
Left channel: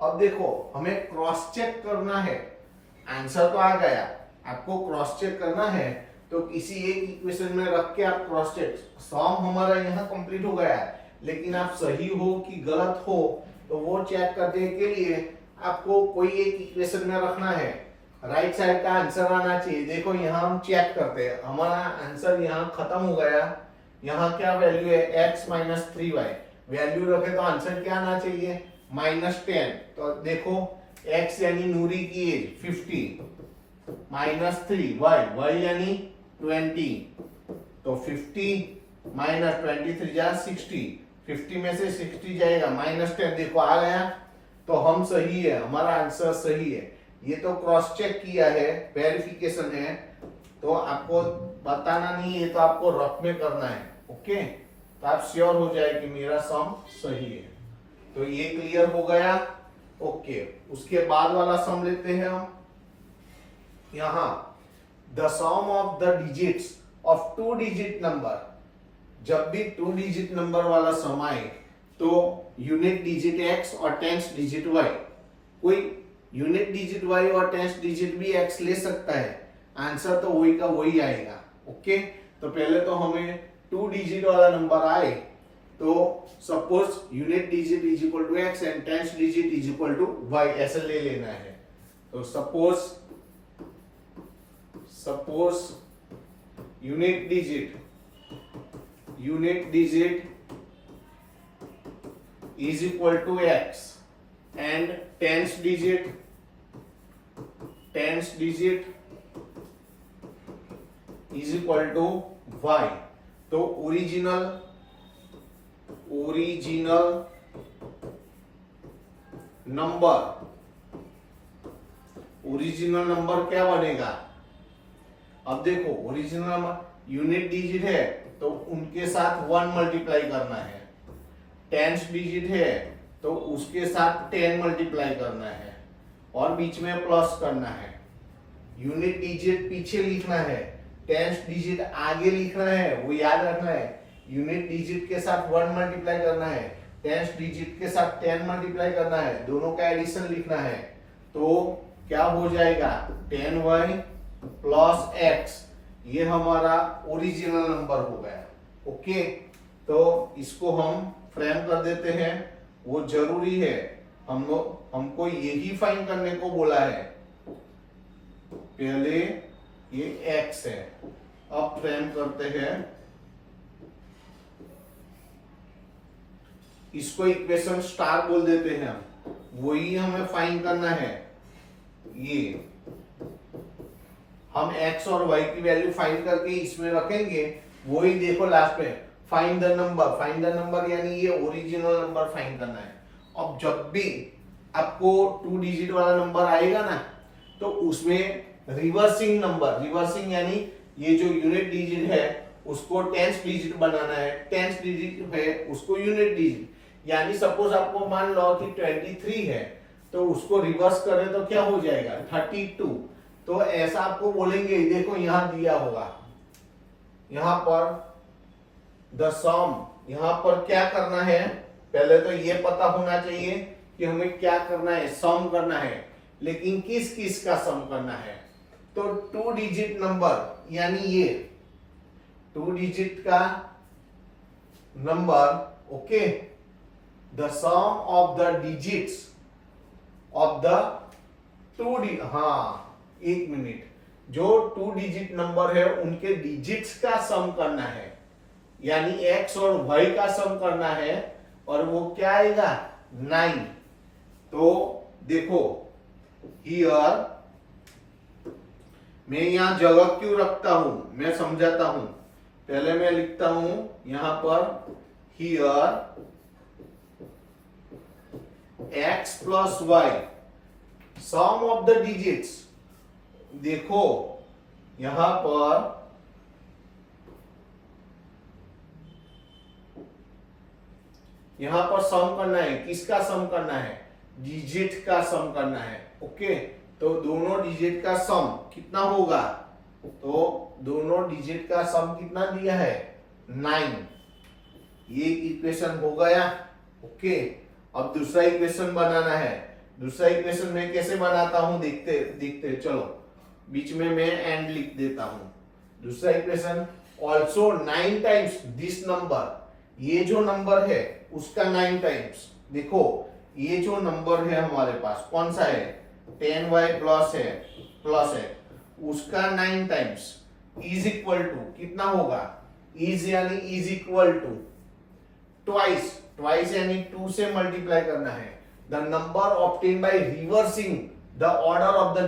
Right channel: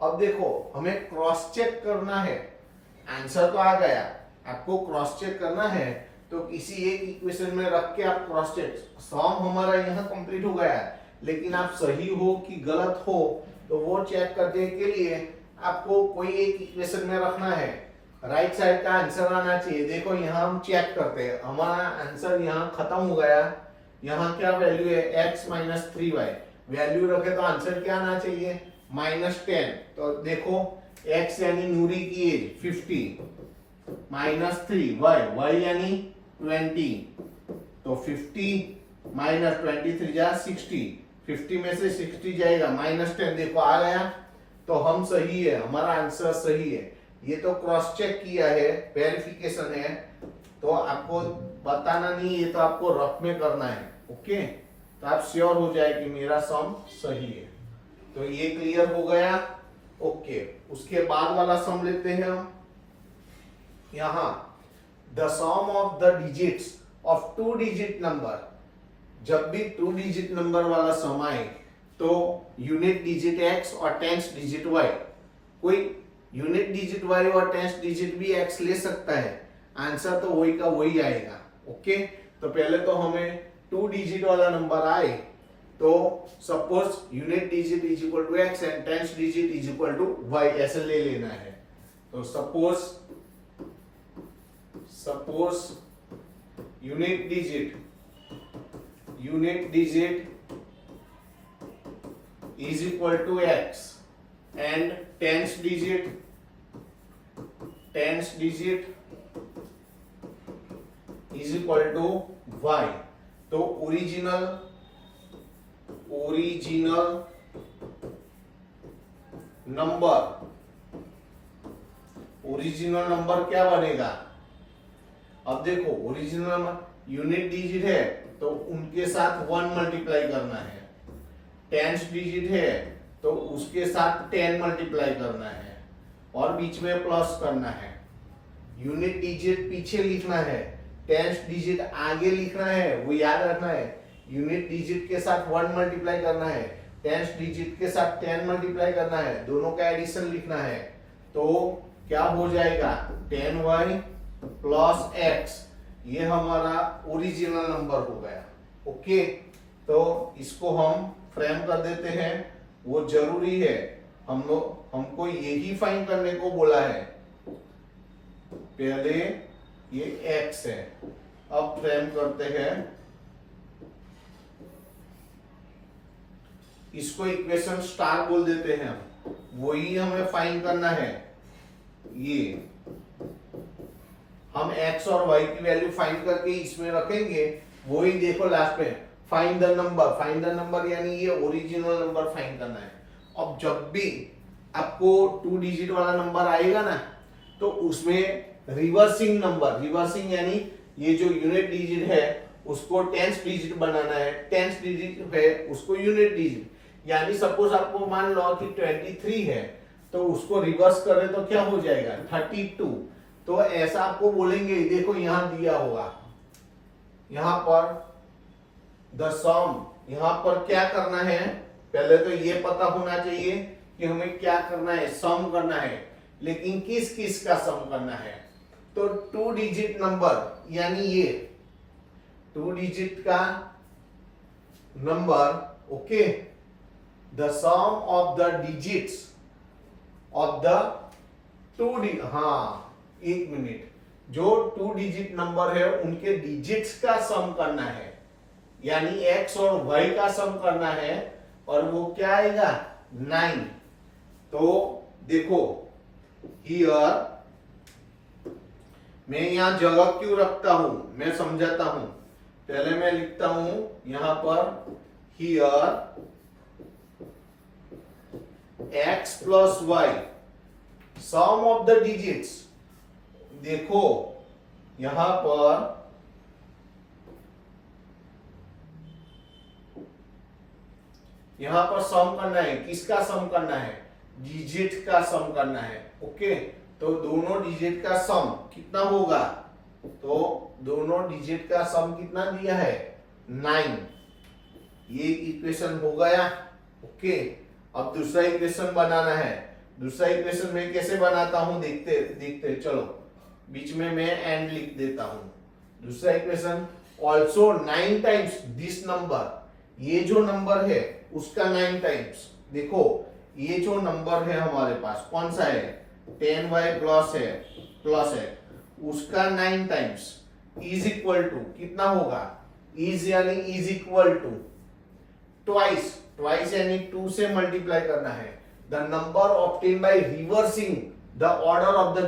अब देखो हमें क्रॉस चेक करना है, आंसर तो आ गया, आपको क्रॉस चेक करना है तो किसी एक इक्वेशन में रख के आप क्रॉस चेक, सम हमारा यहाँ कंप्लीट हो गया है, लेकिन आप सही हो कि गलत हो तो वो चेक करने के लिए आपको कोई एक इक्वेशन में रखना है, राइट साइड का आंसर आना चाहिए। देखो यहाँ हम चेक करते हैं, हमारा आंसर यहाँ खत्म हो गया, यहाँ क्या वैल्यू है x माइनस 3y, वैल्यू रखे तो आंसर क्या आना चाहिए माइनस 10। तो देखो x यानी नूरी की एज 50 माइनस 3y यानी 20, तो 50 माइनस 23 जा 60, 50 में से 60 जाएगा माइनस 10, देखो आ गया, तो हम सही है, हमारा आंसर सही है। ये तो क्रॉस चेक किया है, वेरिफिकेशन है, तो आपको बताना नहीं, ये तो आपको रफ में करना है। ओके, तो आप श्योर हो जाए कि मेरा सम सही है। तो ये क्लियर हो गया। ओके, उसके बाद वाला सम लेते हैं हम। यहां the sum of the digits ऑफ टू डिजिट नंबर, जब भी टू डिजिट नंबर वाला सम आए तो यूनिट डिजिट x और टेंस डिजिट y, कोई यूनिट डिजिट y और टेंस डिजिट भी x ले सकता है, आंसर तो वही का वही आएगा। ओके, तो पहले तो हमें टू डिजिट वाला नंबर आए तो suppose unit digit is equal to x and tens digit is equal to y, ऐसे ले लेना है। तो suppose unit digit is equal to x and tens digit is equal to y। तो original number क्या बनेगा? अब देखो, ओरिजिनल नंबर यूनिट डिजिट है तो उनके साथ 1 मल्टीप्लाई करना है, टेंस डिजिट है तो उसके साथ 10 मल्टीप्लाई करना है और बीच में प्लस करना है। यूनिट डिजिट पीछे लिखना है, टेंस डिजिट आगे लिखना है, वो याद रखना है। यूनिट डिजिट के साथ 1 मल्टीप्लाई करना है, टेंस डिजिट के साथ 10 मल्टीप्लाई करना है, दोनों का एडिशन लिखना है। तो क्या हो जाएगा? 10y प्लस x, ये हमारा ओरिजिनल नंबर हो गया। ओके, तो इसको हम फ्रेम कर देते हैं, वो जरूरी है, हमको यही फाइंड करने को बोला है। पहले ये x है, अब फ्रेम करते हैं, इसको इक्वेशन स्टार बोल देते हैं हम, वही हमें फाइंड करना है। ये हम x और y की वैल्यू फाइंड करके इसमें रखेंगे, वही देखो लास्ट में फाइंड द नंबर यानी ये ओरिजिनल नंबर फाइंड करना है। अब जब भी आपको टू डिजिट वाला नंबर आएगा ना, तो उसमें रिवर्सिंग यानी ये जो यूनिट डिजिट है उसको टेंस डिजिट बनाना है, टेंस डिजिट है उसको यूनिट डिजिट, यानी सपोज आपको मान लो कि 23 है तो उसको रिवर्स करें तो क्या हो जाएगा? 32। तो ऐसा आपको बोलेंगे, देखो यहां दिया होगा, यहां पर द सम, यहां पर क्या करना है? पहले तो ये पता होना चाहिए कि हमें क्या करना है, सम करना है, लेकिन किस का सम करना है? तो टू डिजिट नंबर यानी ये टू डिजिट का number, okay, the sum of the digits of the एक मिनट, जो टू डिजिट नंबर है उनके डिजिट्स का सम करना है, यानी x और y का सम करना है, और वो क्या आएगा? 9। तो देखो हियर, मैं यहां जगह क्यों रखता हूं मैं समझाता हूं। पहले मैं लिखता हूं यहां पर here x plus y sum of the digits. देखो यहां पर सम करना है, किसका सम करना है? डिजिट का सम करना है। ओके, तो दोनों डिजिट का सम कितना होगा? तो दोनों डिजिट का सम कितना दिया है? 9। ये इक्वेशन हो गया। ओके, अब दूसरा इक्वेशन बनाना है। दूसरा इक्वेशन मैं कैसे बनाता हूं देखते चलो, बीच में मैं एंड लिख देता हूं। दूसरा equation also 9 times this number, ये जो नंबर है उसका 9 टाइम्स। देखो ये जो नंबर है हमारे पास कौन सा है? 10y प्लस है, उसका 9 टाइम्स इज इक्वल टू कितना होगा? इज यानी इज इक्वल टू ट्वाइस यानी 2 से मल्टीप्लाई करना है। The number obtain by reversing the order of the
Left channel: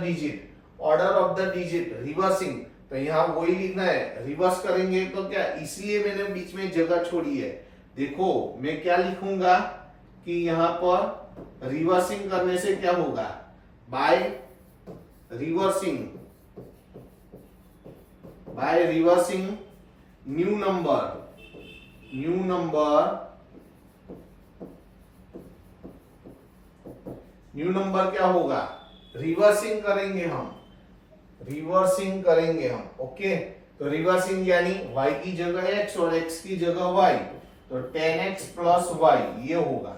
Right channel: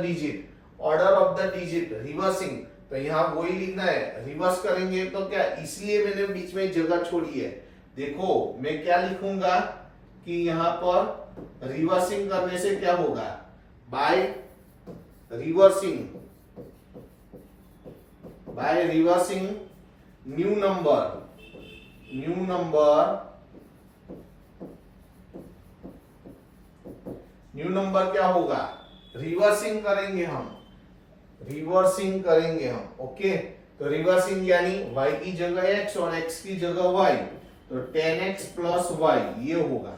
digit, reversing, तो यहां वही लिखना है। रिवर्स करेंगे तो क्या, इसलिए मैंने बीच में जगह छोड़ी है। देखो मैं क्या लिखूंगा कि यहां पर रिवर्सिंग करने से क्या होगा? By reversing new new number क्या होगा, रिवर्सिंग करेंगे हम, रिवर्सिंग करेंगे हम। ओके, तो रिवर्सिंग यानी y की जगह x और x की जगह y, तो 10x प्लस वाई ये होगा।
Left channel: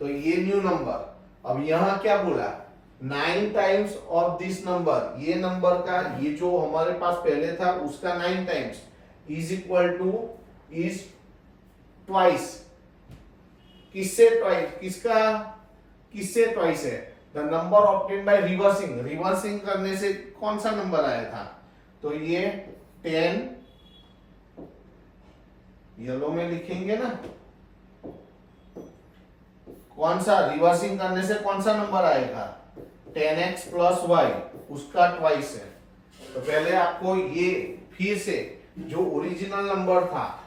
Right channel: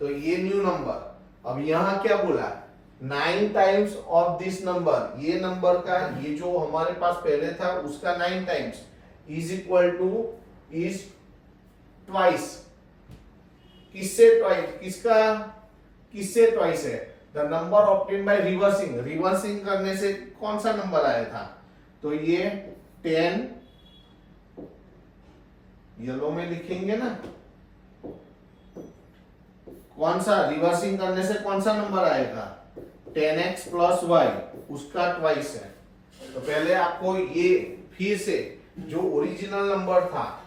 तो ये न्यू नंबर। अब यहां क्या बोला, 9 टाइम्स ऑफ दिस नंबर, ये नंबर का ये जो हमारे पास पहले था उसका 9 times is equal two is twice. किससे ट्वाइस, किसका किससे ट्वाइस है, the number obtain by reversing. Reversing करने से कौन सा नंबर आया था, तो ये 10, येलो में लिखेंगे ना, कौन सा रिवर्सिंग करने से कौन सा नंबर आएगा, 10x प्लस वाई, उसका ट्वाइस है। तो पहले आपको ये फिर से जो ओरिजिनल नंबर था,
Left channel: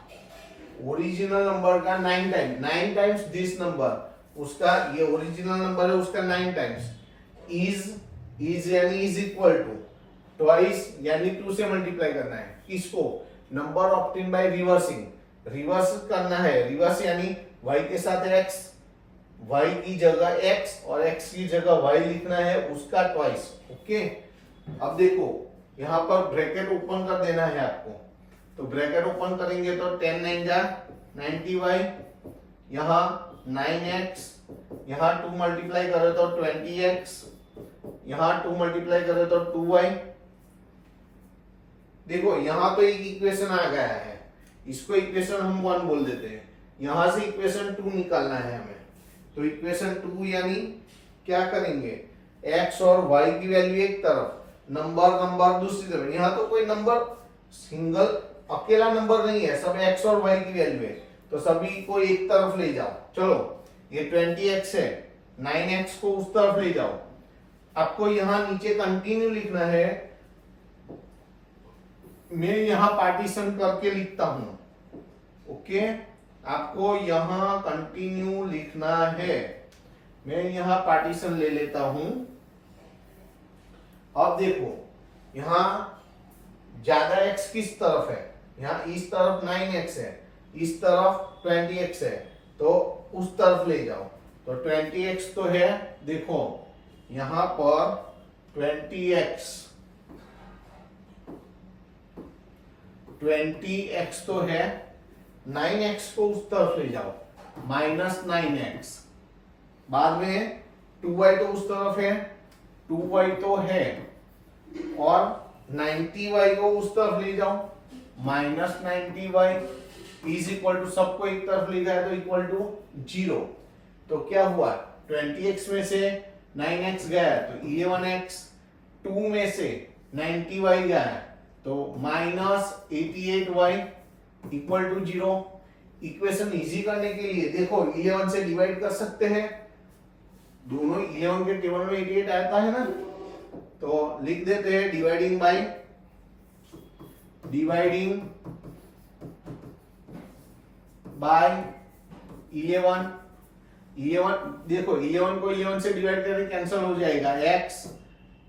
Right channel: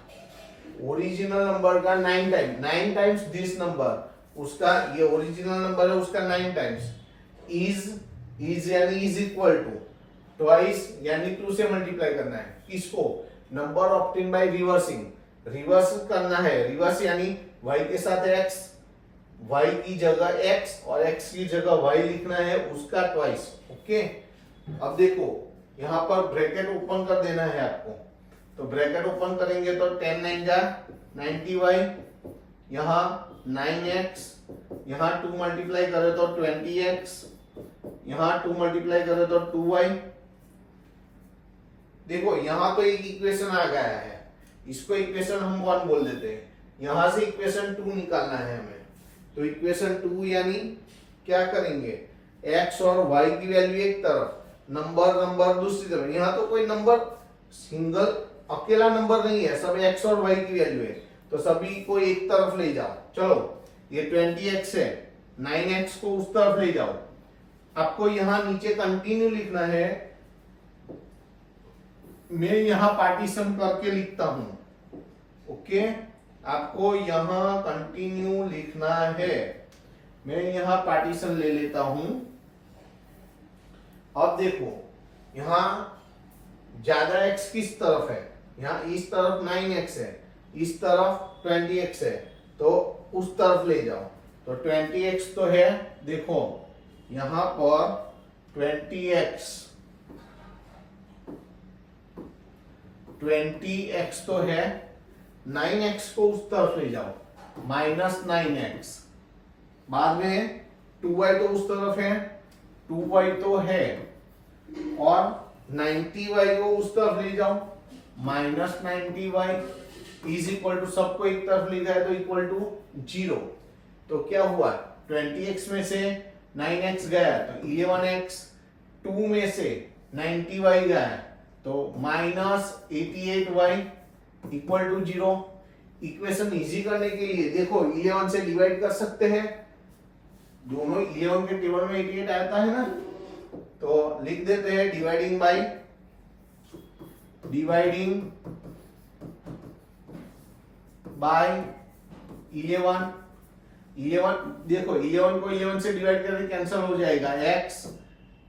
ओरिजिनल नंबर का 9 टाइम्स दिस नंबर, उसका ये ओरिजिनल नंबर है उसका 9 टाइम्स इज यानी इज इक्वल टू ट्वाइस यानी 2 से मल्टीप्लाई करना है किसको, number obtain by reversing. Reverse करना है, रिवर्स यानी y के साथ x, y की जगह x और x की जगह y लिखना है उसका ट्वाइस। ओके, अब देखो यहां पर ब्रैकेट ओपन कर देना है आपको, तो ब्रैकेट ओपन करेंगे तो 10 9 जा 90y, यहां 9x, यहां 2 मल्टीप्लाई करे तो 20x, यहां 2 मल्टीप्लाई करे तो 2y। देखो यहां तो एक इक्वेशन आ गया है, इसको इक्वेशन हम 1 बोल देते हैं, यहां से इक्वेशन 2 निकालना है हमें। तो इक्वेशन 2 यानी क्या करेंगे, x और y की वैल्यू एक तरफ, नंबर दूसरी तरफ। यहां तो कोई नंबर सिंगल अकेला नंबर नहीं है, सब x और y की वैल्यू है, तो सभी को एक तरफ ले जाओ। चलो ये 20x है, 9x को उस तरफ ले जाओ। आपको यहां नीचे कंटिन्यू लिखना है, मैं यहां पार्टीशन करके लिखता हूं। ओके, आपको यहां कंटिन्यू लिखना है, मैं यहां पार्टीशन ले लेता हूं। अब देखो यहां ज्यादा x किस तरफ है, यहां इस तरफ 9x है, इस तरफ 20x है, तो उस तरफ ले जाओ। तो 20x तो है, देखो यहां पर 20x तो है, 9x को उस तरफ ले जाओ, -9x, बाद में 2y तो उस तरफ है, 2y तो है, और 90y को उस तरफ ले जाओ, -90y इज इक्वल टू, सबको एक तरफ ले जाए तो इक्वल टू 0। तो क्या हुआ, 20x में से 9x गया तो 11x, 2 में से 90y गया तो -88y equal to 0। Equation easy करने के लिए देखो 11 से डिवाइड कर सकते हैं, दोनों 11 के टेबल में 88 आता है ना, तो लिख देते हैं डिवाइडिंग बाय, डिवाइडिंग बाय 11। देखो 11 को 11 से डिवाइड करके कैंसिल हो जाएगा, x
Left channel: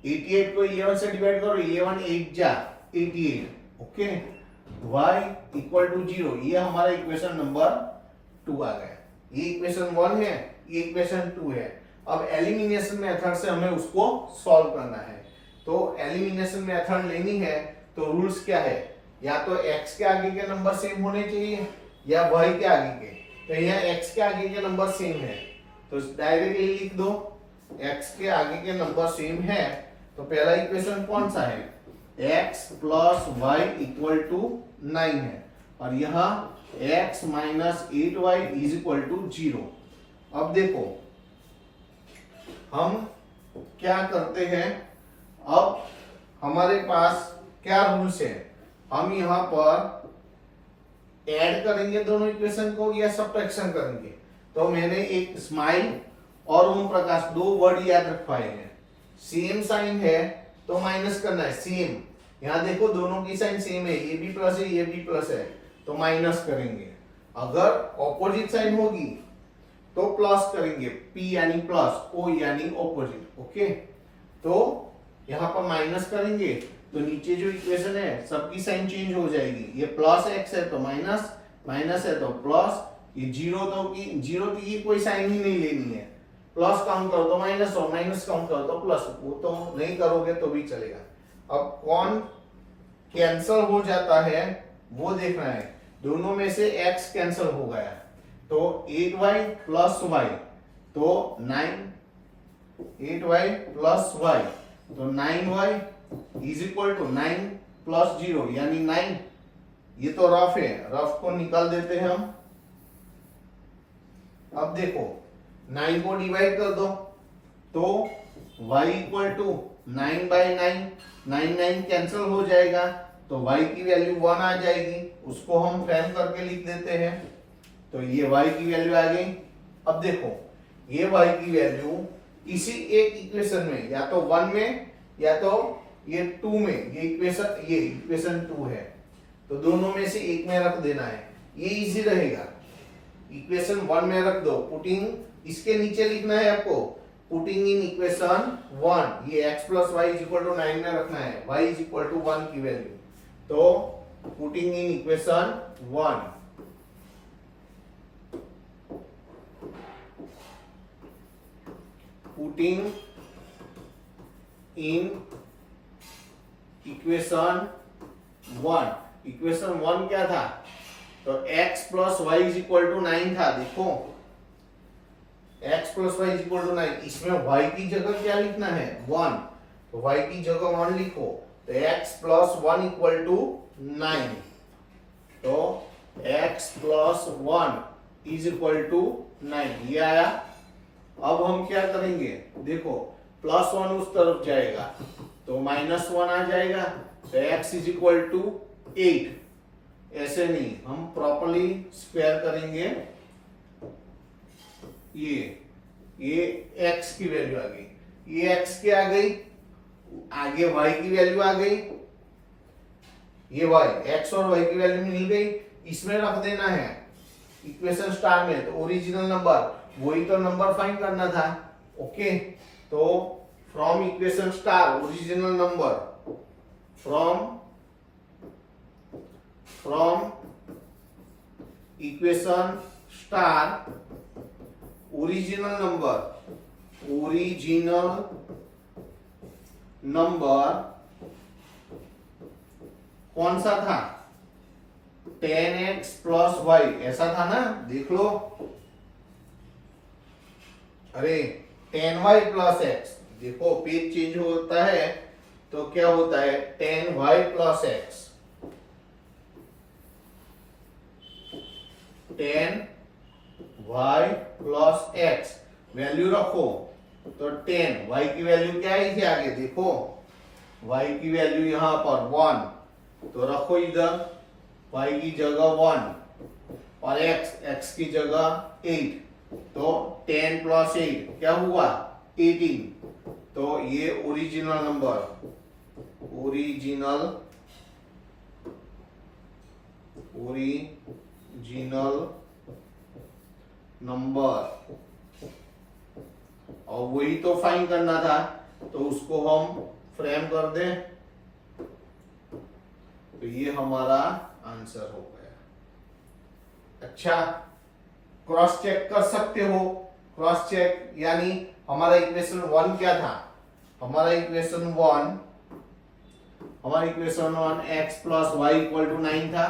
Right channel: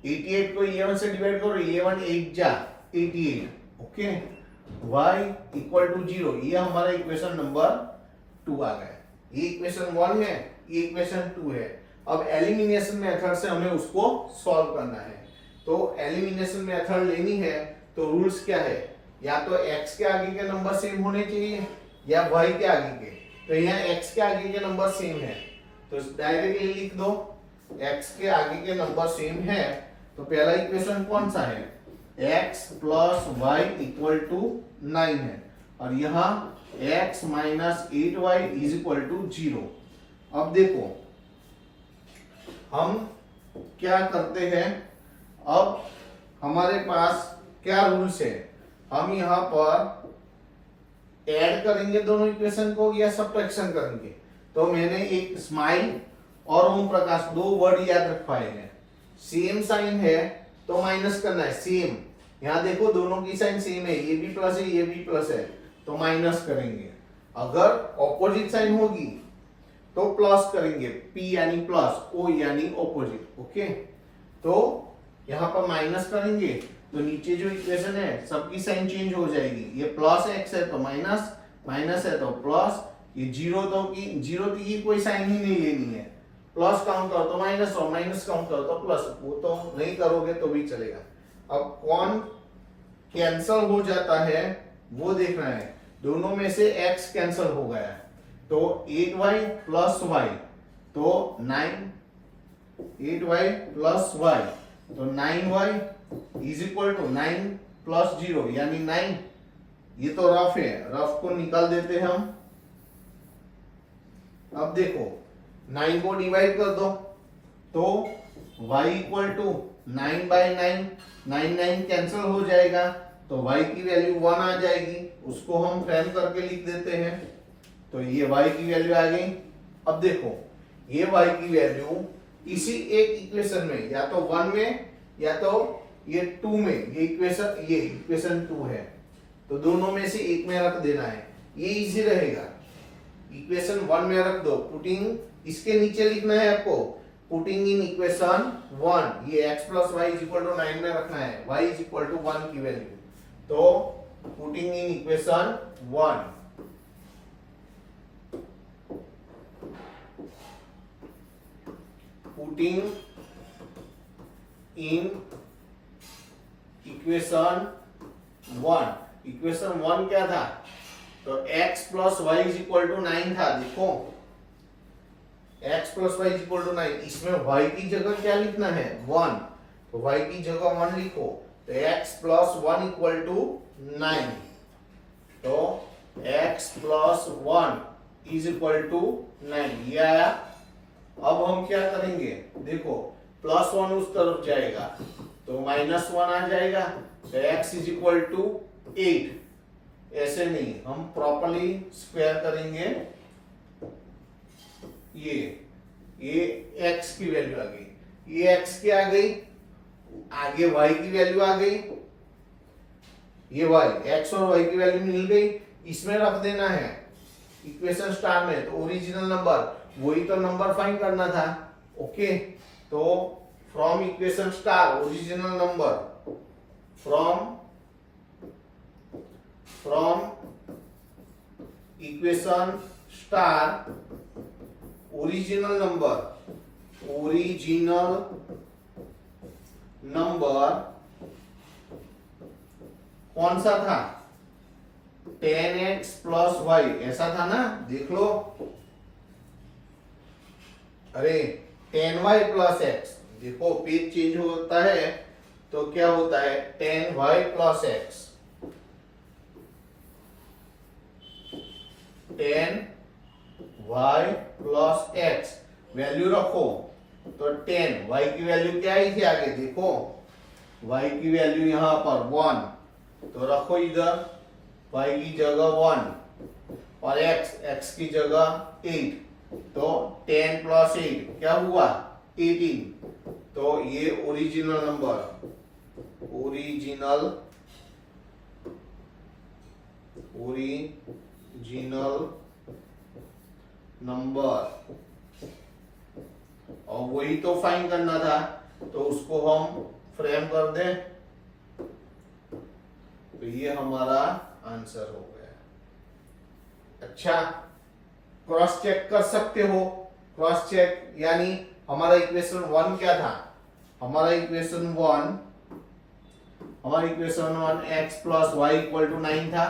88 को 11 से डिवाइड करो, 11 8 जा 88। ओके, y इक्वल टू 0, ये हमारा इक्वेशन नंबर 2 आ गया। ये इक्वेशन 1 है, ये इक्वेशन 2 है। अब एलिमिनेशन मेथड से हमें उसको सॉल्व करना है। तो एलिमिनेशन मेथड लेनी है तो रूल्स क्या है, या तो x के आगे के नंबर सेम होने चाहिए या y के आगे के। तो यहाँ x के आगे के नंबर सेम है, तो डायरेक्टली लिख दो x के आगे के नंबर सेम है। तो पहला इक्वेशन कौन सा है, x plus y equal to 9 है, और यहाँ x minus 8y is equal to 0। अब देखो हम क्या करते हैं, अब हमारे पास क्या रूल्स है, हम यहाँ पर ऐड करेंगे दोनों इक्वेशन को या सब्ट्रैक्शन करेंगे। तो मैंने एक स्माइल और ओम प्रकाश 2 वर्ड याद रखवाए हैं। सेम साइन है तो माइनस करना है, सेम, यहाँ देखो दोनों की साइन सेम है, ये भी प्लस है ये भी प्लस है, तो माइनस करेंगे। अगर ऑपोजिट साइन होगी तो प्लस करेंगे, P यानी प्लस, O यानी ऑपोजिट। ओके, तो यहाँ पर माइनस करेंगे तो नीचे जो इक्वेशन है सबकी साइन चेंज हो जाएगी, ये प्लस x है तो माइनस, माइनस है तो प्लस, ये जीरो की कोई साइन ही नहीं लेनी है, प्लस काउंट करो तो माइनस, और माइनस काउंट करो तो प्लस, वो तो नहीं करोगे तो भी चलेगा। अब कौन कैंसल हो जाता है वो देखना है। दोनों में से x कैंसल हो गया तो 8y प्लस y, तो 8y प्लस y, तो 9y is equal to 9 plus 0 यानी 9। ये तो रफ है, रफ को निकाल देते हैं हम। अब देखो 9 को डिवाइड कर दो तो y equal to 9 by 9, 9 cancel हो जाएगा तो y की वैल्यू 1 आ जाएगी, उसको हम फ्रेम करके लिख देते हैं। तो ये y की वैल्यू आ गई। अब देखो ये y की वैल्यू इसी एक इक्वेशन में, या तो 1 में या तो ये 2 में, ये इक्वेशन 2 है, तो दोनों में से एक में रख देना है, ये इजी रहेगा। इक्वेशन 1 में रख दो, पुटिंग इसके नीचे लिखना है आपको, पुटिंग इन इक्वेशन 1, ये x plus y is equal to 9 में रखना है, y इज इक्वल टू 1 की वैल्यू। तो putting in equation 1, putting in equation 1, equation 1 क्या था, तो x plus y is equal to 9 था। देखो x plus y is equal to 9, इसमें y की जगह क्या लिखना है 1, तो y की जगह 1 लिखो, तो x प्लस 1 इक्वल टू 9, तो x plus 1 is equal to 9, ये आया। अब हम क्या करेंगे, देखो प्लस 1 उस तरफ जाएगा तो माइनस 1 आ जाएगा, तो x इज इक्वल टू 8। ऐसे नहीं, हम प्रॉपर्ली स्क्वायर करेंगे। ये x की वैल्यू आ गई, ये x की आ गई, आगे y की वैल्यू आ गई, ये y, x और y की वैल्यू मिल गई, इसमें रख देना है इक्वेशन स्टार में। तो ओरिजिनल नंबर, वही तो नंबर फाइंड करना था। ओके, तो from equation star original number, from equation star original number कौन सा था, 10x प्लस वाई, ऐसा था ना, देख लो। अरे 10y प्लस x, देखो पेज चेंज होता है तो क्या होता है 10y plus x, 10y plus x value रखो, तो 10 y की वैल्यू क्या आई थी आगे, देखो y की वैल्यू यहां पर 1, तो रखो इधर y की जगह 1 और x की जगह 8, तो 10 प्लस 8 क्या हुआ 18। तो ये ओरिजिनल नंबर, और वही तो फाइंड करना था, तो उसको हम फ्रेम कर दें, तो ये हमारा आंसर हो गया। अच्छा, क्रॉस चेक कर सकते हो, क्रॉस चेक यानी हमारा इक्वेशन 1 क्या था, हमारा equation 1 x plus y equal to 9 था।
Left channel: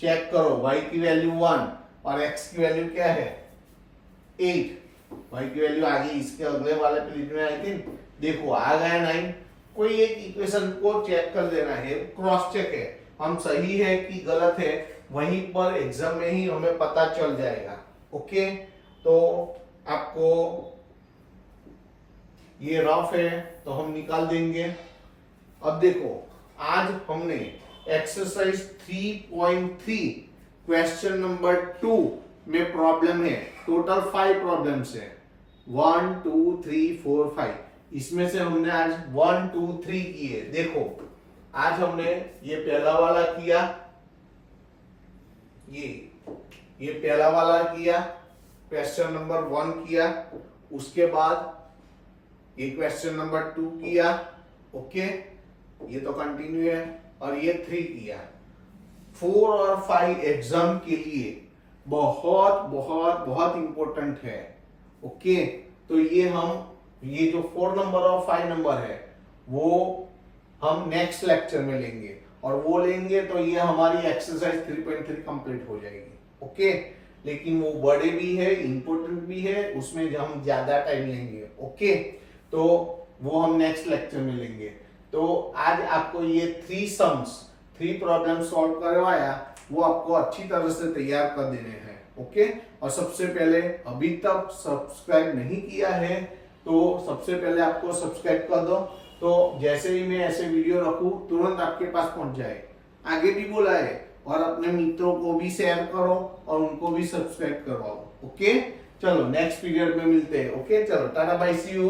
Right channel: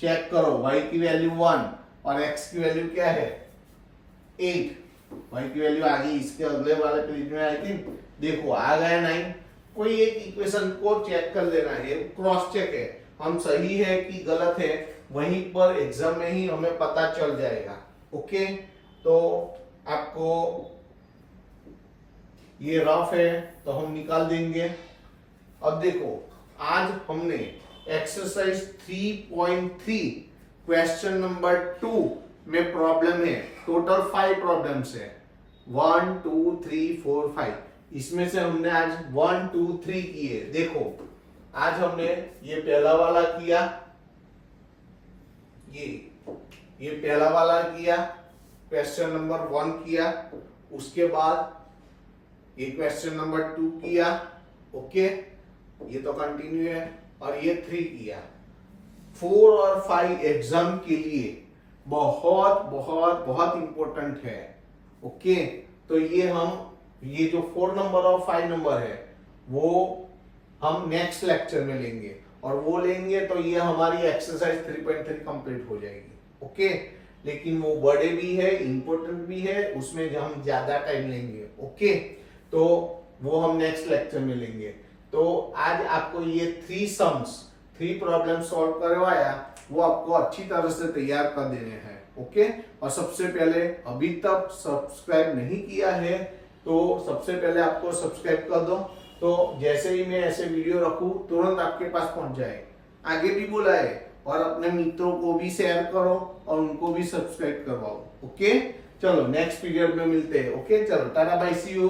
चेक करो y की वैल्यू 1 और x की वैल्यू क्या है 8, y की वैल्यू आ गई, इसके अगले वाले पेज में आई थिंक, देखो आ गया 9। कोई एक इक्वेशन को चेक कर लेना है, क्रॉस चेक है, हम सही है कि गलत है वहीं पर एग्जाम में ही हमें पता चल जाएगा। ओके, तो आपको ये रफ है तो हम निकाल देंगे। अब देखो आज हमने एक्सरसाइज 3.3 क्वेश्चन नंबर 2 में प्रॉब्लम है, टोटल 5 प्रॉब्लम्स है, 1 2 3 4 5, इसमें से हमने आज 1 2 3 किए। देखो आज हमने ये पहला वाला किया, ये पहला वाला किया, क्वेश्चन नंबर 1 किया, उसके बाद ये क्वेश्चन नंबर 2 किया। ओके, ये तो कंटिन्यू है, और ये 3 किया। 4 और 5 एग्जाम के लिए बहुत बहुत बहुत इंपॉर्टेंट है। ओके, तो ये जो 4 नंबर और 5 नंबर है वो हम नेक्स्ट लेक्चर में लेंगे, और वो लेंगे तो ये हमारी एक्सरसाइज 3.3 कंप्लीट हो जाएगी। ओके, लेकिन वो बड़े भी है, इंपॉर्टेंट भी है, उसमें हम ज्यादा टाइम लेंगे। ओके, तो वो हम नेक्स्ट लेक्चर में लेंगे। तो आज आपको ये 3 प्रॉब्लम सॉल्व करवाया, वो आपको अच्छी तरह से तैयार कर देने हैं। ओके, और सबसे पहले अभी तक सब्सक्राइब नहीं किया है तो सबसे पहले आपको सब्सक्राइब कर दो, तो जैसे ही मैं ऐसे वीडियो रखूं तुरंत आपके पास पहुंच जाए। आगे भी बोला है, और अपने मित्रों को भी शेयर करो और उनको भी सब्सक्राइब करवाओ। ओके, चलो नेक्स्ट पीरियड में मिलते हैं। ओके, चलो टाटा बाय, सी यू।